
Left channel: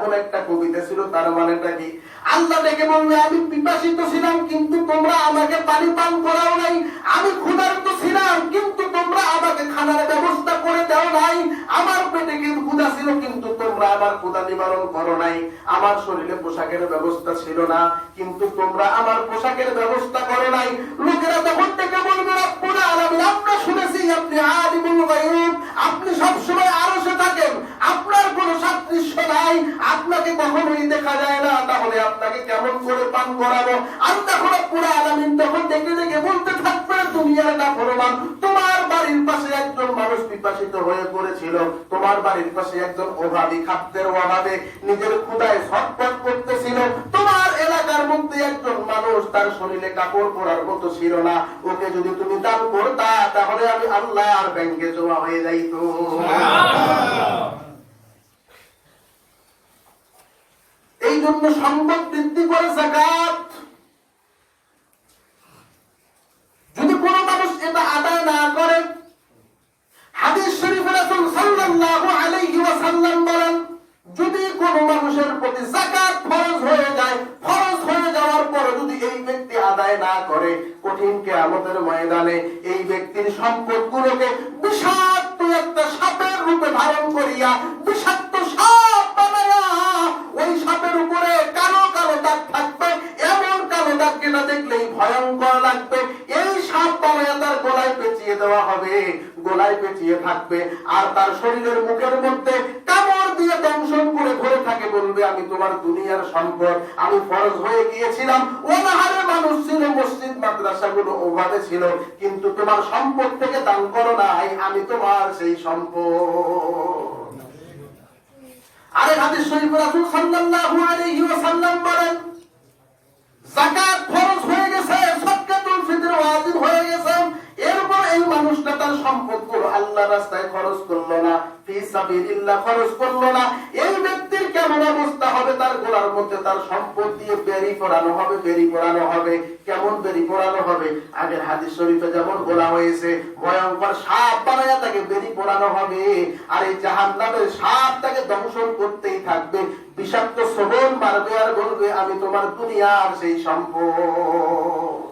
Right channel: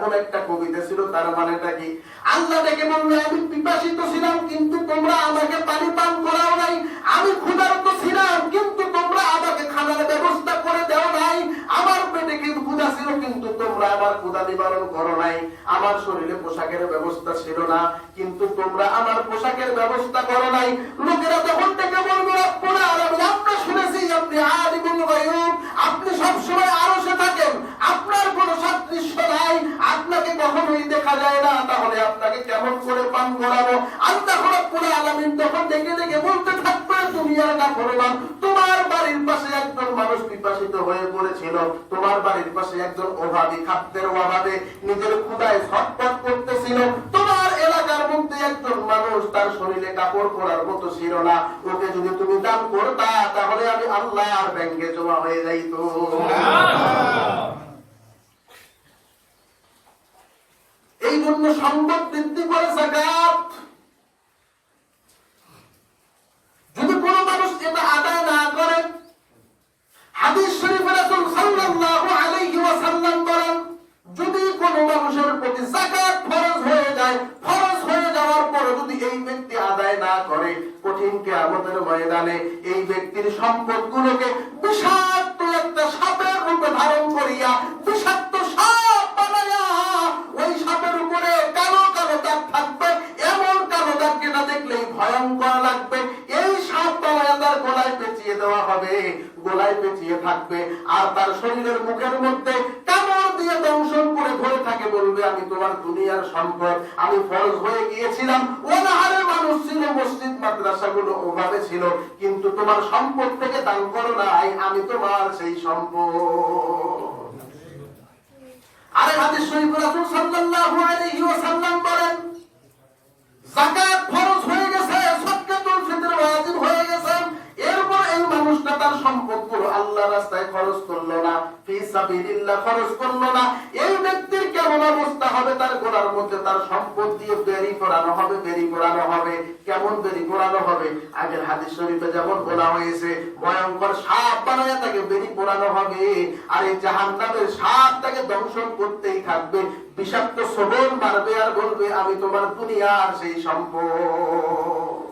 এমন একটা কবিতা ছিল, তার মানেটা কি? আল্লাহ ডেকে বলবে, আমি পিপাসিত ছিলাম কিন্তু তোমরা আমাকে পানি পান করাও নাই, আমি ক্ষুধার্ত ছিলাম কিন্তু তোমরা আমাকে খানার ব্যবস্থা করে দাও নাই, আমার পেটে কিন্তু ক্ষুধা ছিল কিন্তু তোমরা আমার ক্ষুধা নিবারণ করো নাই, আমার শরীরে পোশাকের ব্যবস্থা ছিল না কিন্তু তোমরা আমার পোশাকের ব্যবস্থা করো নাই। লোকেরা তখন ডেকে বলবে, রব্বুল আলামিন, আমরা শুনেছি আপনি আলিমুল গায়ব, আপনি সবসময় আরশে থাকেন, আপনার কোনো সাদৃশ্য নাই, আপনাকে কখনোই দেখা যায় না, তাহলে আপনাকে কেমন করে পান করাবো? আল্লাহ রব্বুল আলামিন তখন ডেকে ডেকে বলতে থাকবে, দুনিয়ার নাফরমান, তোমার বাড়ির পাশে একজন মানুষ পিপাসিত হয়ে পড়েছিল, তোমার বাড়ির পাশে একজন অভাবী খাদ্যের অভাবে নিজের ক্ষুধায় ছটফট করতেছিল, তোমার এলাকার মধ্যে একজন মানুষ তার শরীরে কাপড় পরার মতো ছিল না, ওকে যদি তুমি দান করতা তাহলে আমি আল্লাহর ব্যাংকে জমা হয়ে যাইত। এই জন্য সম্পদ বৃদ্ধি করে যাকাত। যদি কোন মানুষ এটা আদায় না করে, হাদিস শরীফে রাসূল সাল্লাল্লাহু আলাইহি ওয়াসাল্লাম বলেন, যদি কোন মানুষের প্রতি যাকাত ফরজ হয়ে যায়, ফরজ হয়ে যাওয়ার পরে যদি এই ব্যক্তি আদায় না করে, কঠিন কিয়ামতের ময়দানে এই ব্যক্তির সম্পদগুলোকে বিষাক্ত একটা সাপের রূপে ধারণ করিয়া, বিষাক্ত সাপ বানায়া, ওই সাপের উপরে কালো কালো দাগ থাকবে, এমন কালো দাগ যেটা দেখলেই ভয়ঙ্কর লাগবে, এই সাপ বানায়া তার গলায় পেঁচিয়ে দেওয়া হবে, গলায় পেঁচিয়ে থাকবে, আর তার শরীরের মুখের মধ্যে কামড় দিয়ে দংশন করে ধরে থাকে, বলবে, আমি তোমার দুনিয়ার সম্পদ, আমি ফরজ হয়ে গিয়েছিলাম, অনাহারে মানুষ ছিল, মসজিদ মাদ্রাসাগুলো ওভাবে ছিল, কিন্তু তোমার সম্পদ থেকে দান করো নাই, আমি তোমার সেই সম্পদ। আরেক হাদিস শরীফে রাসূল সাল্লাল্লাহু আলাইহি ওয়াসাল্লাম বলেন, যাকাত ফরজ হয়ে গেছে, সাদকাতুল ফিতর ওয়াজিব হয়ে গেছে, এরপর এই মানুষটা তার সম্পদগুলো আল্লাহর রাস্তায় খরচ করলো না, ফি সাবিলিল্লাহ খরচ করলো না, এই ব্যক্তির কেমন অবস্থা হবে? তার গলার মধ্যে তার সম্পদ দিয়ে বেরি পড়ানো হবে, বেরি পড়ানো হবে। কেমন বেরি পড়ানো হবে? আগের হাদিস শরীফে যেমন বলা হয়েছে, ভয়ঙ্কর সাপ বানায়া তাকে বেরি পড়ানো হবে, আর এই জাহান্নামের সাপ তাকে দংশন করতেই থাকবে, বিষাক্ত শ্রবণ মারবে আর বলবে, আমি তোমার দুনিয়ার সেই সম্পদ।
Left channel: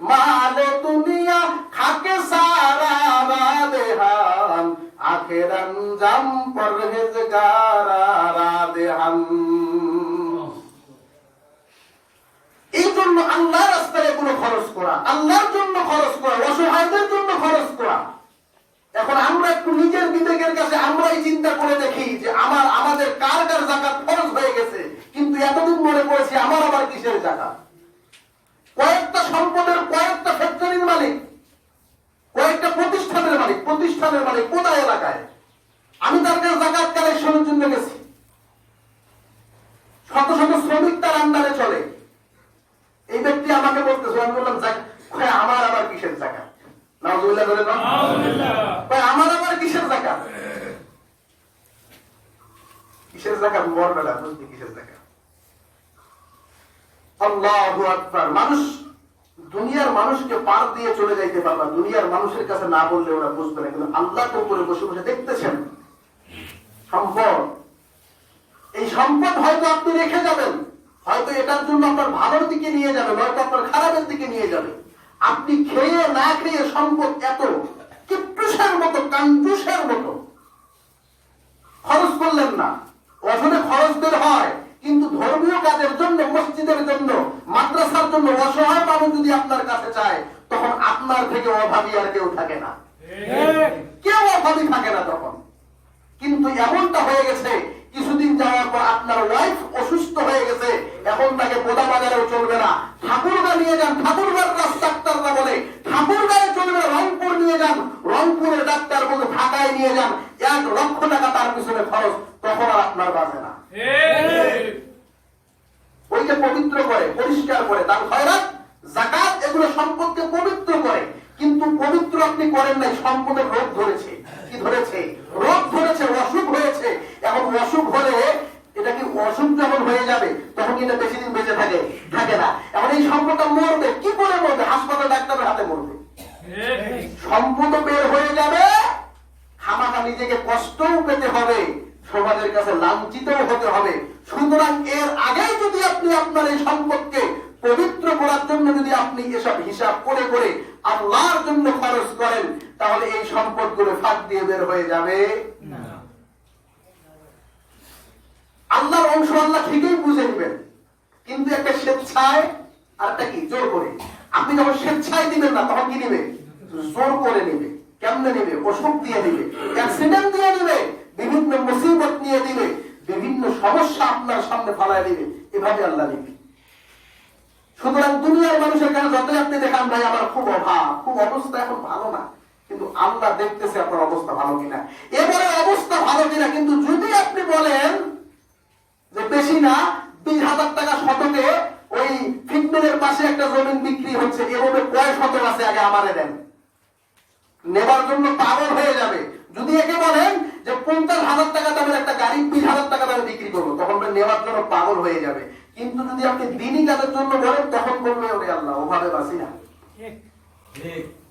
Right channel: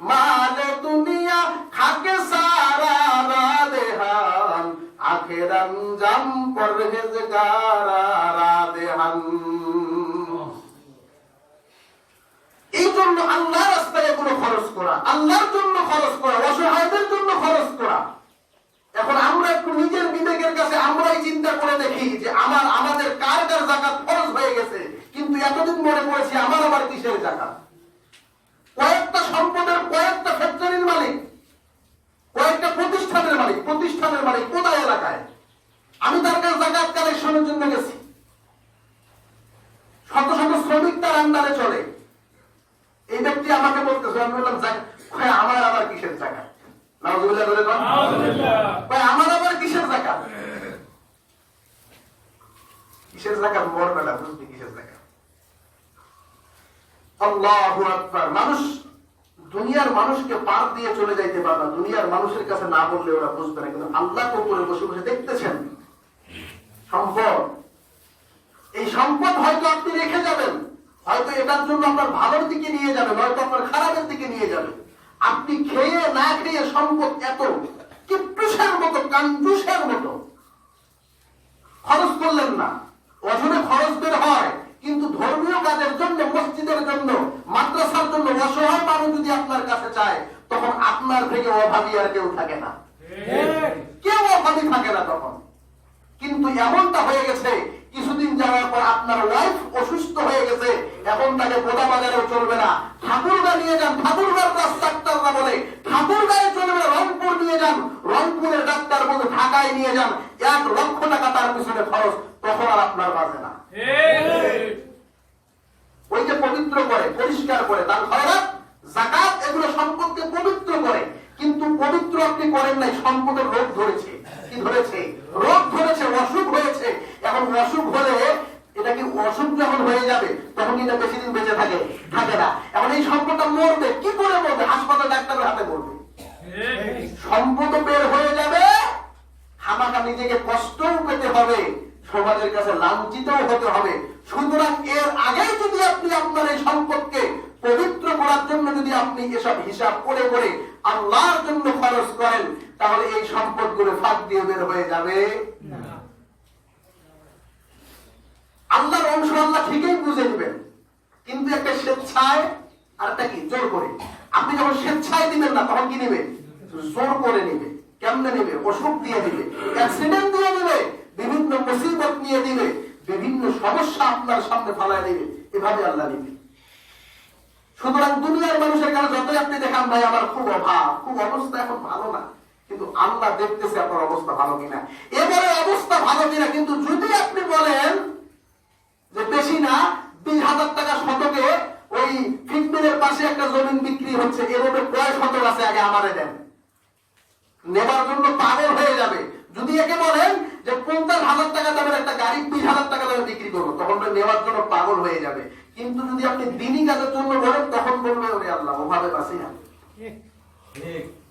মালে দুনিয়া খাকে সারা রাদেহান, আখের আঞ্জাম পরহেজগারা রাদেহান। এই জন্য আল্লাহর রাস্তায় এগুলো খরচ করা, আল্লাহর জন্য খরচ করা, অসহায়দের জন্য খরচ করা। এখন আমরা একটু নিজের বিবেকের কাছে আমরাই চিন্তা করে দেখি যে আমাদের কার কার যাকাত ফরজ হয়ে গেছে, কিন্তু এতদিন মনে পড়েছি আমার আবার কিসের যাকাত? কয়েকটা সম্পদের, কয়েকটা ফ্যাক্টরির মালিক, কয়েকটা প্রতিষ্ঠানের মালিক কোথায় এলাকায়, আমি তার কাছে যাকাত কালেকশনের জন্য গেছি, শত শত শ্রমিক তার আন্ডারে চলে, এই ব্যক্তি আমাকে বলতেছে, আমি বললাম, আমার আবার কিসের যাকাত? নাউযুবিল্লাহ বলে না, আমার আবার কিসের যাকাত? কিসের যাকাত? মরবেলা বুঝবি কিসের যাকাত। আল্লাহু আকবার। মানুষ দুনিয়ার মানুষকে পার দিয়ে চলে যাইতে পারবা, দুনিয়ার মানুষের কাছে না বললে ওরা বুঝবে না, কিন্তু আল্লাহ তো উপরে বসে বসে দেখতেছেন সম্পদ। এই সম্পদ হয়তো আপনি রেখে যাবেন, হয়তো এটার জন্য আপনার ভালোর দিকে নিয়ে যাবেন, হয়তো আপনার খারাপের দিকে নিয়ে যাবেন। আপনি খেয়ে না খেয়ে সম্পদ এত কিট্টুসের মতো, কাঞ্জুসের মতো খরচ করলেন না। অজনে খরচ বের হয়, কিন্তু ধর্মীয় কাজের জন্য, মসজিদের জন্য, মাদ্রাসার জন্য অসহায় মানুষ যদি আপনার কাছে চায়, তখন আপনার থেকে অভাবী আর কেউ থাকে না, কেউ অভাবী থাকে না তখন। কিন্তু এমনটা হয়ে গেছে, কিছুদিন যাওয়ার পর আপনার ওয়াইফ অসুস্থ হয়ে গেছে, এখন তাকে গোদা বাজারেও চলবে না, ঠাকুরগা নিয়ে যান, ঠাকুরগার ডাক্তাররা বলে ঠাকুরগাঁয়ে চলবে, রংপুর নিয়ে যান, রংপুরের ডাক্তার বলে ঢাকায় নিয়ে যান, 1 লক্ষ টাকা তার পিছনে খরচ, তখন আর আপনার বাজে না। ওই যে পবিত্র করে, পরিষ্কার করে, দান খয়রাত, যাকাত, এগুলো সম্পদকে পবিত্র করে, কিন্তু পবিত্র আপনি করেন নাই, সম্পদের রোগ ধরেছে। কি ধরেছে? রোগ ধরেছে, অসুখ হয়েছে। এখন অসুখ হলে এটা কি অসুখ যখন হয়ে যাবে তখন এটা বেশি দিন বেঁচে থাকে না। এখন এই সম্পদটা মরবে, কি করে মরবে? হাসপাতাল ডাক্তারের হাতে মরবে। সম্পদ বের হয়ে যাবে, খামাখা নিজেকে কষ্টও পেতে হবে, সমাজের কাছে লাঞ্ছিত হতে হবে। সুতরাং এর আগে যদি আপনি আপনার এই সম্পদকে পবিত্র করার জন্য যদি আপনি এসব হিসাব করে করে আল্লাহর জন্য খরচ করেন, তাহলে এই সম্পদগুলো ফাঁক দিয়ে বের হয়ে যাবে না। আল্লাহর অংশ আল্লাহ ঠিকই বুঝে নেবেন, কিন্তু একটা স্বেচ্ছায় আর একটা কি জোর করে। আপনি যখন স্বেচ্ছায় দিবেন না, তখন কি নেবে? জোর করে নেবে। কেমনে নেবে? অসুখ দিয়ে দিবে, অ্যাক্সিডেন্ট দিয়ে দিবে, বিভিন্ন মুসিবত নিয়ে দিবে, বিভিন্ন সমস্যা আপনার সামনে ফালায় দিবে। এভাবে আল্লাহ নেবে। সুতরাং দুনিয়ার মানুষের কাছে যতই আপনি দেখান ভাই আমার খুব অভাব, খুব অবস্থা এখন ভালো না, কিন্তু আল্লাহ দেখতেছে আপনার অবস্থা ভালো কিনা। এবারে অবস্থা ভালো কিনা, কিন্তু যদি আপনি বলেন যে বেশি না 20,000 টাকা শতকে ওই ফিটমিলের পাশে একটা জমিন বিক্রি হচ্ছে, এভাবে কয় শতক আছে আগে আমারে দেন, নেবার জন্য পাগল হয়ে যাবে। যদি একে বলেন যে 50,000 টাকা দামের একটা গাড়ি 20,000 টাকা দামে বিক্রি করবো, তখন নেওয়ার জন্য পাগল হয়ে যাবে। কিন্তু যদি আপনি দিনই কাজের জন্য বলেন, তখন বলবে ওরে আল্লাহ ওভাবে বাঁচি না,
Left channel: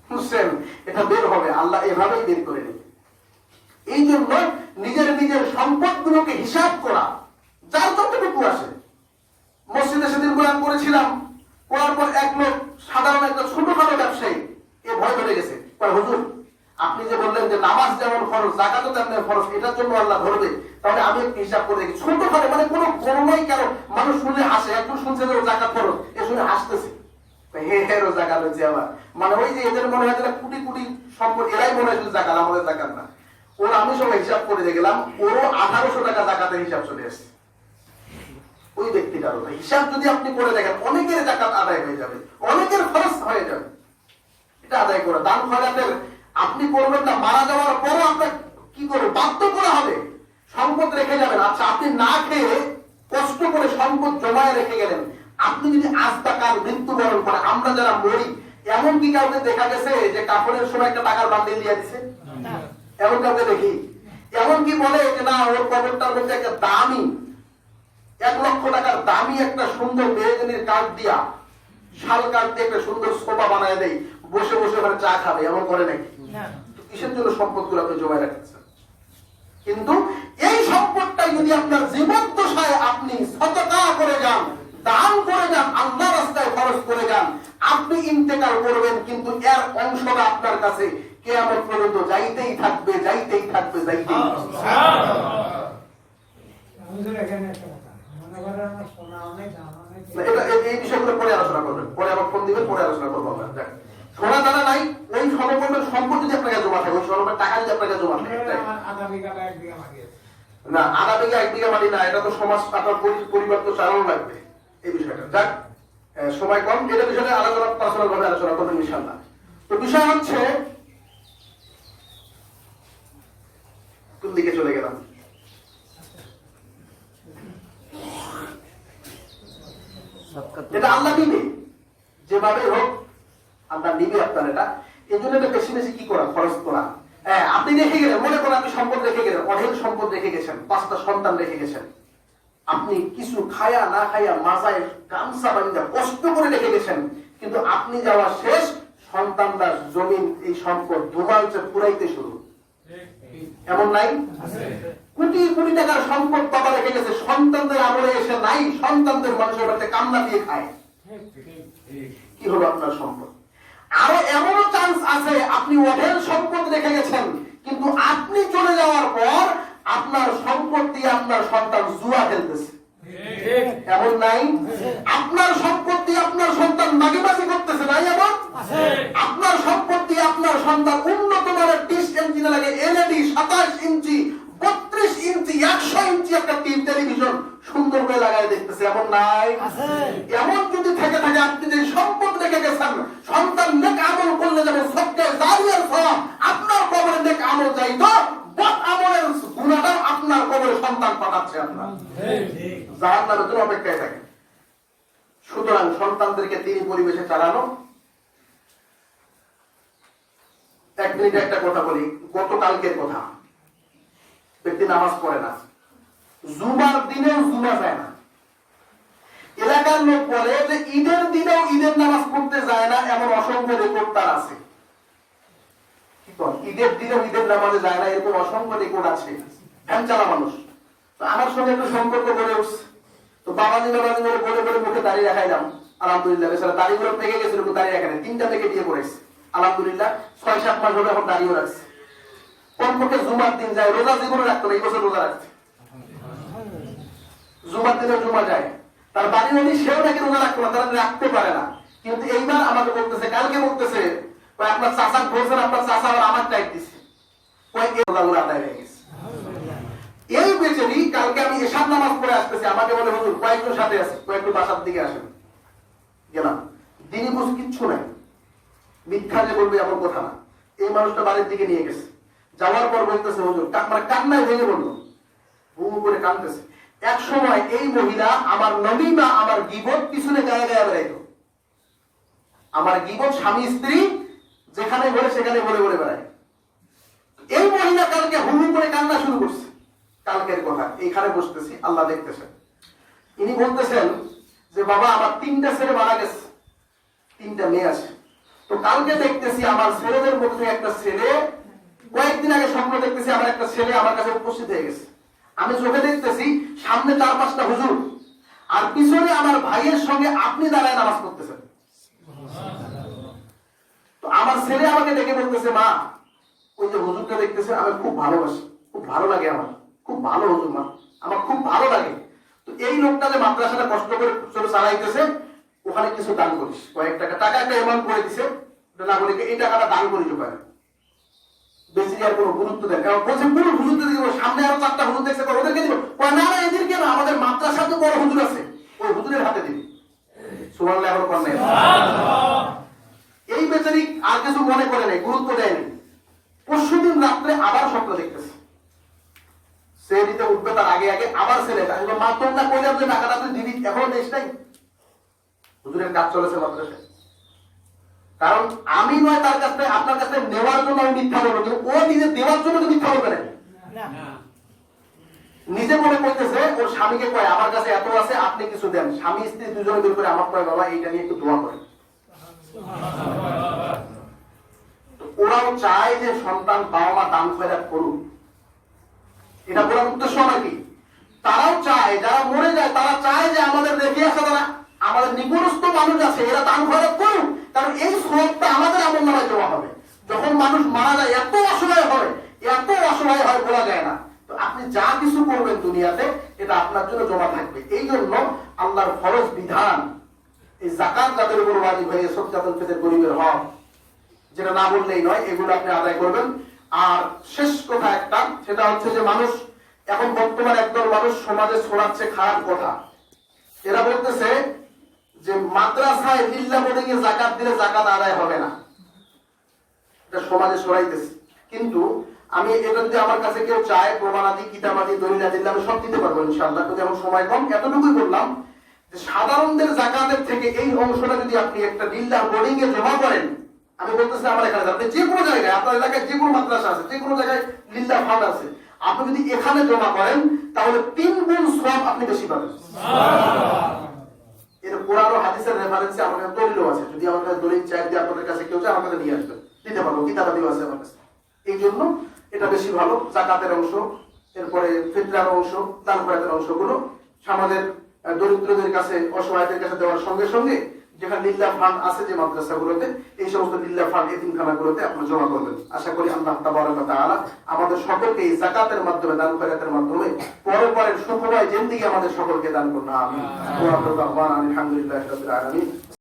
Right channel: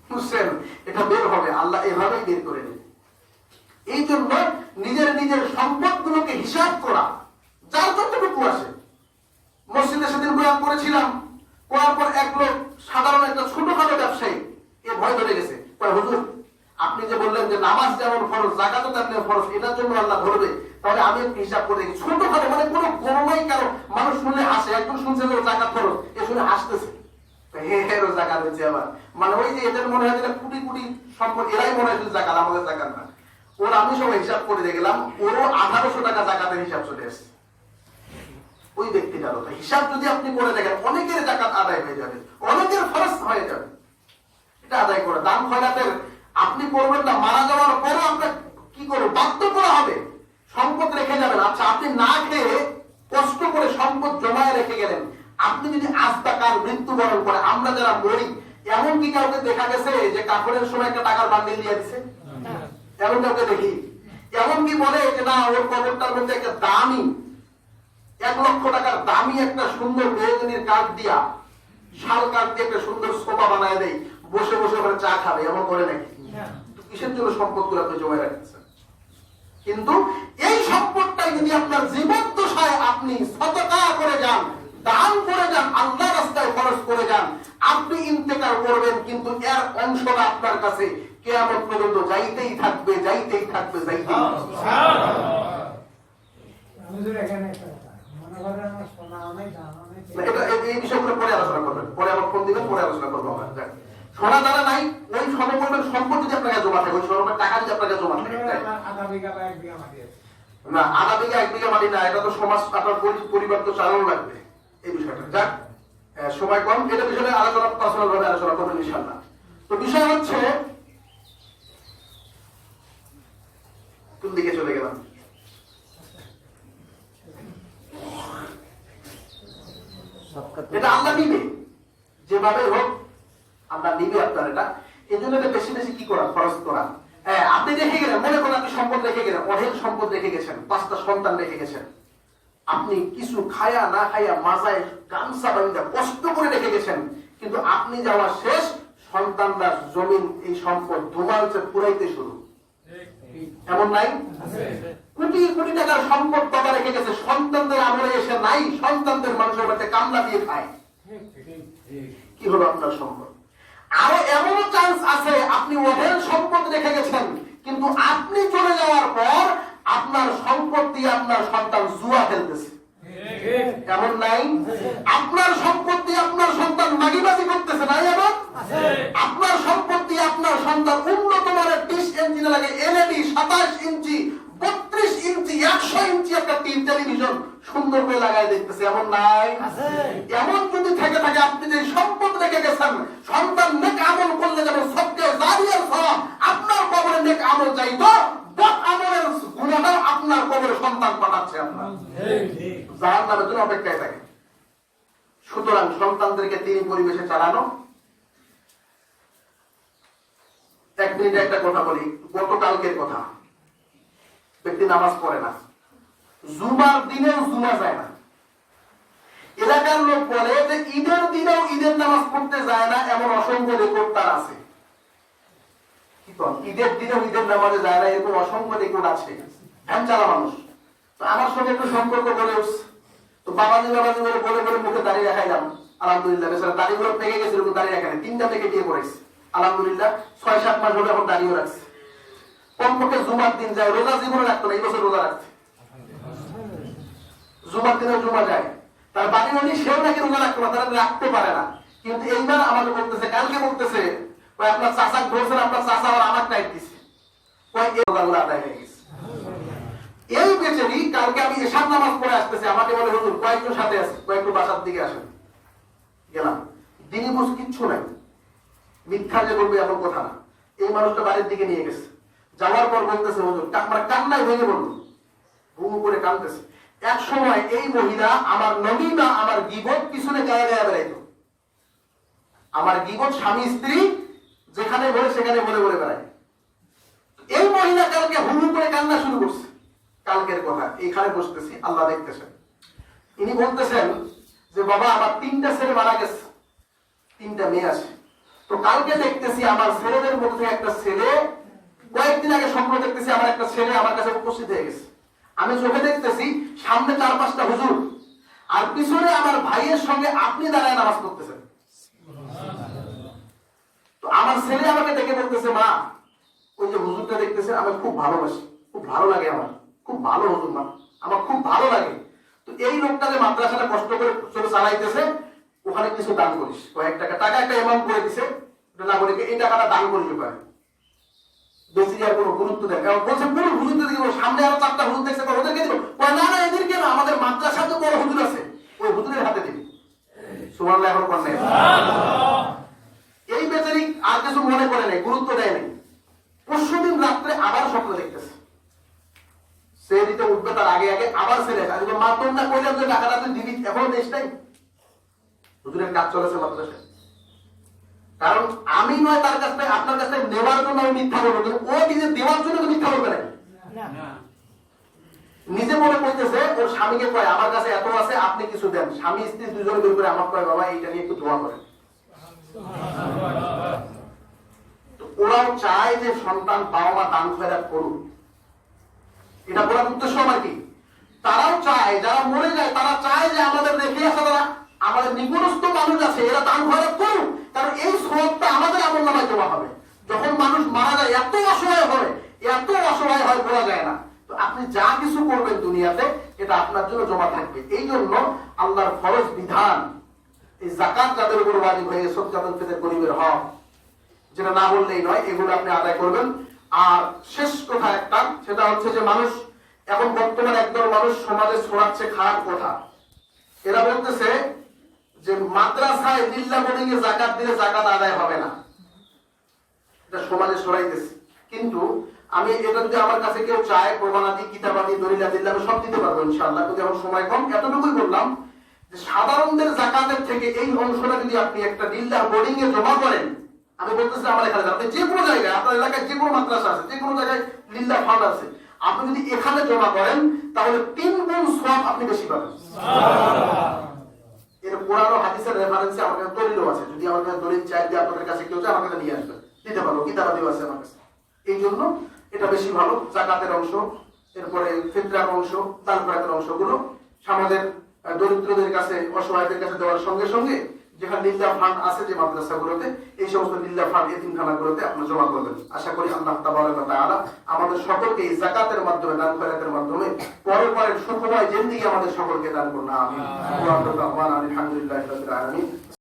বুঝছেন? এটা বের হবে, আল্লাহ এভাবেই বের করে নেবে। এই জন্য নিজের নিজের সম্পদগুলোকে হিসাব করা, যার যতটুকু আসে। মসজিদে সেদিন বয়ান করেছিলাম, করার পর এক লোক সাধারণ একটা ছোটখাটো ব্যবসায়ী এ ভয় ধরে গেছে। হুজুর আপনি যে বললেন যে নামাজ যেমন ফরজ, যাকাতও তেমনি ফরজ, এটার জন্য আল্লাহ ধরবে, তাহলে আমি একটু হিসাব করে দেখি। ছোটখাটো মানে কোনো গণনাই কেন, মানুষ শুনলে হাসে। একজন শুনছে যে জাকাত ফরজ, এ শুনে হাসতেছে, জাকাত হয়েছে আবার। মানে ওই যে এদের মনে হয় যে কোটি কোটি সম্পদ, এরাই মনে হয় শুধু জাকাত, আমাদের জাকাত না। ওর আমি সবাই হিসাব করে দেখলাম, ওরও 1800 টাকা জাকাতের হিসাব চলে এসছে। ওই ব্যক্তিটারও হিসাব যদি আপনি করে দেখেন, অনেকের জাকাত আদায় হয়ে যাবে, অনেকের খরচ হয়ে যাবে। এটা আদায় করে দান খয়রাতের আপনি করবেন না, মারা যাওয়ার পরও আপনার কি করবে, বাধ্য করা হবে। সম্পদ রেখে যাবেন। আচ্ছা, আপনি না খেয়ে কষ্ট করে সম্পদ জমায় রেখে গেলেন, আপনি যদি আজ টাকার মৃত্যুবরণ করে, আমরা যারা মরি, এমন কি কাউকে দেখা গেছে যে কাপড়ের সময় একটা টাকার বান্ডিল দিয়ে দিছে? এমন কাউকে দেখি? এমন কি বলে যে না ওর কবরটার মধ্যে একটা দামি 1 লক্ষ টাকার দামি একটা সুন্দর মেহগনির কাঠ দিয়া, শাল কাঠ দিয়ে একটা সুন্দর সোফা বানায় দেয়, বসে বসে ওখানে চা খাবে, এমন করে নাকি? কিসের জন্য সম্পদ গুলো তো জমায় রাখছে? কিন্তু এই সম্পদটাই যদি আপনার জীবদ্দশায় আপনি সদকা করে যান, দান করে যান, আল্লাহ রাস্তায় খরচ করে যান, আপনি ইন্তেকাল করবেন, কিন্তু এর অংশটা আপনার কাছে কিয়ামত পর্যন্ত যাইতেই থাকবে, যাইতেই থাকবে, যাইতেই থাকবে। এই বিষয়গুলো পরে আলোচনা করবেন, পরে আবার ফোন দিবেন, পরে আলোচনা করবো আমরা। সোনা দানা নাই, ওই সমপরিমাণ সম্পদ যদি আপনার কাছে জমা থাকে, ওই সমপরিমাণ টাকা যদি আপনার কাছে জমা থাকে, আধা বিঘা 1 বিঘা মাটি আছে না, আধা বিঘা 1 বিঘা মাটি না, এটা তো সমাজ আপনার পরিবার তো চালানো লাগবে। এই বিষয়টা যাক, সময় কম, এটা বিষয়ে আলোচনা পার্সোনাল ভাবে আলোচনা করবেন ইনশাআল্লাহ। তো বিষয় হচ্ছে, কোন দিকে চলে গেলাম? এটা আল্লাহ নিবে, যেভাবে হোক আল্লাহ নিবে আপনার এটা। এই জন্য এটা বেশি বেশি কি করা, খরচ করা। হ্যাঁ, আপনি রেখে গেলেন, মনে করেন আপনি সম্পদ রেখে গেলেন, অঢেল সম্পদ রেখে গেছেন, 5টা সন্তান রেখে গেছেন, আপনি কিছু খায়া না খায়া মাজায় গামছা বান্ধা কষ্ট করে রেখে গেছেন, কিন্তু আপনি যাওয়া শেষ, সন্তানরা জমিন এই সম্পদ ধুমাইতে পুরাইতে শুরু। এমন নাই? কোটি কোটি টাকার সম্পদ বাবা রেখে গেছে, সন্তানদের আমলে এসে নাই, সন্তানদের মানুষের বাড়িতে কামলা দিয়ে খায়। কি হলো আপনার সম্পদ? আরো এমনও চান্স আছে, আপনি অঢেল সম্পদ রেখে গেছেন, কিন্তু আপনি চলে যাওয়ার পর আপনার সম্পদ দিয়ে আপনার সন্তান জুয়া খেলতেছে। এমন নাই? আপনার সম্পদ দিয়ে আপনার সন্তান মাগিবাজি করতেছে, নাই? এমন আপনার সম্পদ দিয়ে আপনার সন্তান উন্নত মানের ডিশ ইঞ্চি লাগে, এলইডি 27 ইঞ্চি, 32 ইঞ্চি, 100 ইঞ্চি একটা টেলিভিশন সুন্দর করে লাগাই দেখতেছে। এমন নাই? এমন যদি থেকে থাকে, আপনি যে সম্পদ রেখে গেছেন, সন্তান নেক আমল করলে যেমন সবকে জারিয়ার সওয়াব আপনার কবরে নেক আমল যাইতো, বদ আমলের গুনাহটাও আপনার কবরে সন্তান পাঠাচ্ছে, আপনার জাহান্নামের জন্য অপেক্ষায় থাকে। সুতরাং সন্তানদেরকে তিনি পরিবেশে চালানো। 1 মিনিটে একটা কথা বলি, গতকালকের কথা। ব্যক্তি নামাজ পড়ে না, জুমার দিনেও জুমা যায় না। এলাকার লোক বলে যে ঈদের দিনেও ঈদের নামাজ পড়তে যায় না, এমন অসংখ্য রেকর্ড তার আছে। ঈদের দিনেও ঈদের নামাজে যায় না, এরকম অসংখ্য রেকর্ড আছে। ভ্যান চালা মানুষ, তো আমার সঙ্গে একটু সম্পর্ক গড়ে উঠছে। তো বাবাজি বলে বলে বলে মুখে দাঁড়িয়ে রাখাইলাম, আলহামদুলিল্লাহ বেচারা দাড়িগুলো পেকে গেছিল, দাঁড়িয়ে রাখেন 3টা থেকে দিয়ে পড়েছে, আলহামদুলিল্লাহ 6-7 মাস হলো এখন দাঁড়িয়েও রাখছে। কমপক্ষে জুমার দিন যায়, রোজা জীবনে রাখতো না, এই বছর রোজা রাখছে, জুমার দিনে জুমা যায়। তার বাড়ি উনি সেও নাকি রোজা রাখতো না, তারা রাখতে পারে না। কিন্তু এইবার আমাকে বলতেছে, কালকে বলতেছে আপনার চাচা বলছেন, আপনার চাচা আর আমার টাইপ দিচ্ছে, রোজাগুলো আদায় হয়ে গেছে। এই বেচারি কালকে আমি এশার নামাজ পড়ে আসতেছি, আমাকে বলে হুজুর কয়েকজন সাথে আছে, কয়েকটু বাসার দিকে আসেন। গেলাম, দিনই বুঝ কিচ্ছু নাই, মিথ্যা যে বলবে এমন কথা না। এই মানুষটা বাড়ির দিকে নিয়ে গেছে, যাওয়ার পর বলতেছে হুজুর, মানে কান্নায় ভেঙে বললো, বুম করে কাঁদতেছে। এক সময় এই মহিলা আমার নবী বা আমার গীবত পিছনে গায়ে গায়ে বেড়াইতো, আমার গীবত স্বামী স্ত্রী যেখানে বলে সেখানে বলে বলে বেড়ায়। এই মহিলা কালকে হুমু করে কান্না শুরু করছে, কালকের কথা, এইখানে বসতেছি, আল্লাহ দেখতেছেন। ইনি বলতেছেন যে বাবা আমার 3টা ছেলে মারা গেছে, 3টা মেয়ে আছে। তো কালকে দেখতেছি আমার ছেলেদের মধ্যে একটা ছেলে, কয়েকদিন আগে স্বপ্ন দেখতেছি আমার একটা ছেলে আমার কাছে উপস্থিত হয়ে গেছে। আমি চোখে দেখতেছি সামনে 4-5টা হুজুর, আর পিছনে আমার ভাইয়ের সঙ্গে আপনি দাঁড়ায় নামাজ পড়তেছেন। তো আমার ছেলে আমাকে ডেকে বলতেছে, মা ওই যে হুজুরটা দেখতেছেন আমি খুব ভালোবাসি, খুব ভালো লাগে, আমার খুব ভালো হুজুর, মা আমার খুব ভালো লাগে। তো এই লোকটা যে মাদ্রাসাটা কষ্ট করে চলে চালাইতেছে, ওখানে কিছু দান করিস, কয়েক টাকা একটা অ্যামাউন্ট করে দিছে, নাগরিককে এই টাকাটা দান করিস, পারে বেশি আর কোনো গুরুত্ব দেয়। বলছে পুরো হুজুরদের দিকে, সামনে আরো 4টা হুজুর দেখছে, ওদেরকে দিব, না না এদেরকে না, আমাদের মাদ্রাসা তো বড় হুজুর আছে, ওই হুজুরের হাতে দিবি। সুবহানাল্লাহ এখন কোন নাই। এই বেচারি আর কিছু মনে করে নাই, গুরুত্ব দেয়নি। পরশুদিন রাত্রে আবার স্বপ্ন দেখতেছে, সে দিতে উঠবে তার আগে আগে আবার ছেলে, মা তোর না কইলাম যে টাকাটা তুই দিবি, এখনো দেশ নাই। হুজুরের কাজ চলেছে মাদ্রাসায়, কারণ আমি নয় তার কাছ থেকে আপনার কাছ থেকে নেওয়ার জন্য মিথ্যা বলবো, কিন্তু ও নিজে দেওয়ার জন্য মিথ্যা বলবে না। নিজে মনে করতেছে ওর স্বামীকে কয় আমার কাছে এত আছে, আপনি কিছু দেন। স্বামী স্ত্রী দুজনে বের করে আমার কয় বাবা এইটা নিয়ে একটু দোয়া করেন। ওরাও চায় যে সন্তান বাবা মা দান খয়রাত করুক, এটা বলার উদ্দেশ্য নাকি? তারাও চায়, যারা মরে যায় তারা চায় যে আমাদের রেখে আসা যারা আমাদের নিকটস্থ মানুষ আছে এরা দান খয়রাত করুক, কারণ এই সওয়াবটা আমাদের আমল নামায় জমা হবে। যখন মানুষ মারা যায় এত অসহায় হয় বলা যায় না। তো আপনি যা কিছু করবেন দুনিয়াতে এটা আপনার জন্য জমা থাকবে। এই জন্য আল্লাহর ফরজ বিধান, এই যাকাত যাদের উপর ওয়াজিব হয়ে সদকাতুল ফিতর গরিবের হক, যেটা না বললেই নয়, এগুলো আপনি আদায় করবেন। আর শেষ কথা একটা, সেটা হচ্ছে যে মানুষ এখন বর্তমানে একদল মানুষ সমাজে ছড়াচ্ছে খারাপ কথা। এরা বলতেছে যে মাদ্রাসায় লিল্লাহ বোর্ডিং এ যাকাত দিলে যাকাত আদায় হবে না, এটা সমাজে ছড়াইতেছে। কিন্তু আমি এটা যদি আমার কাছে কেউ চায় প্রমাণাদি কিতাবাদি দলিল দিলে আমি সব দিতে পারবো ইনশাআল্লাহ, কিন্তু এখন সময় কম। এতটুকুই বললাম যে সাধারণদের যাকাতের থেকে এই অংশটা যদি আপনি একটা লিল্লাহ বোর্ডিং এ জমা করেন, আমি বলতেছি আমার এখানে আপনি যে কোনো জায়গায়, আপনার এলাকায় যে কোনো মাদ্রাসা আছে, যে কোনো জায়গায় লিল্লাহ ফান্ড আছে, আপনি যদি এখানে জমা করেন তাহলে 3 গুণ সওয়াব আপনি বেশি পাবেন। এর কোরআন ও হাদিসের রেফারেন্সে আমার কাছে দলিলও আছে, যদি আমার কাছে দলিল চাই দিয়ে আপনাদের কাছে কেউ চায় আমার কাছে নিয়ে আসবেন, দিতে পারবো, কিতাবাদিও আছে আমার কাছে। এই জন্য এটা বেশি ভালো। যাকাতের অংশ, এরপরে ফিতরার অংশ, দান খয়রাতের অংশগুলো সমাজের দরিদ্রদের কাছে, অসহায়দের কাছে দেওয়ার সঙ্গে সঙ্গে যেখানে লিল্লাহ ফান্ড আছে যে মাদ্রাসাগুলোতে, এই সমস্ত লিল্লাহ ফান্ড এতিমখানাগুলোতে আপনি জমা করবেন। আশা করি আল্লাহ তাবারক ওয়া তাআলা আমাদের সকলকে এই যাকাতের মাধ্যমে, দান খয়রাতের মাধ্যমে পরপরের সুখময় জিন্দেগি আমাদের সকলকে দান করুন। আমিন। ওয়া আলহামদুলিল্লাহি রাব্বিল আলামিন।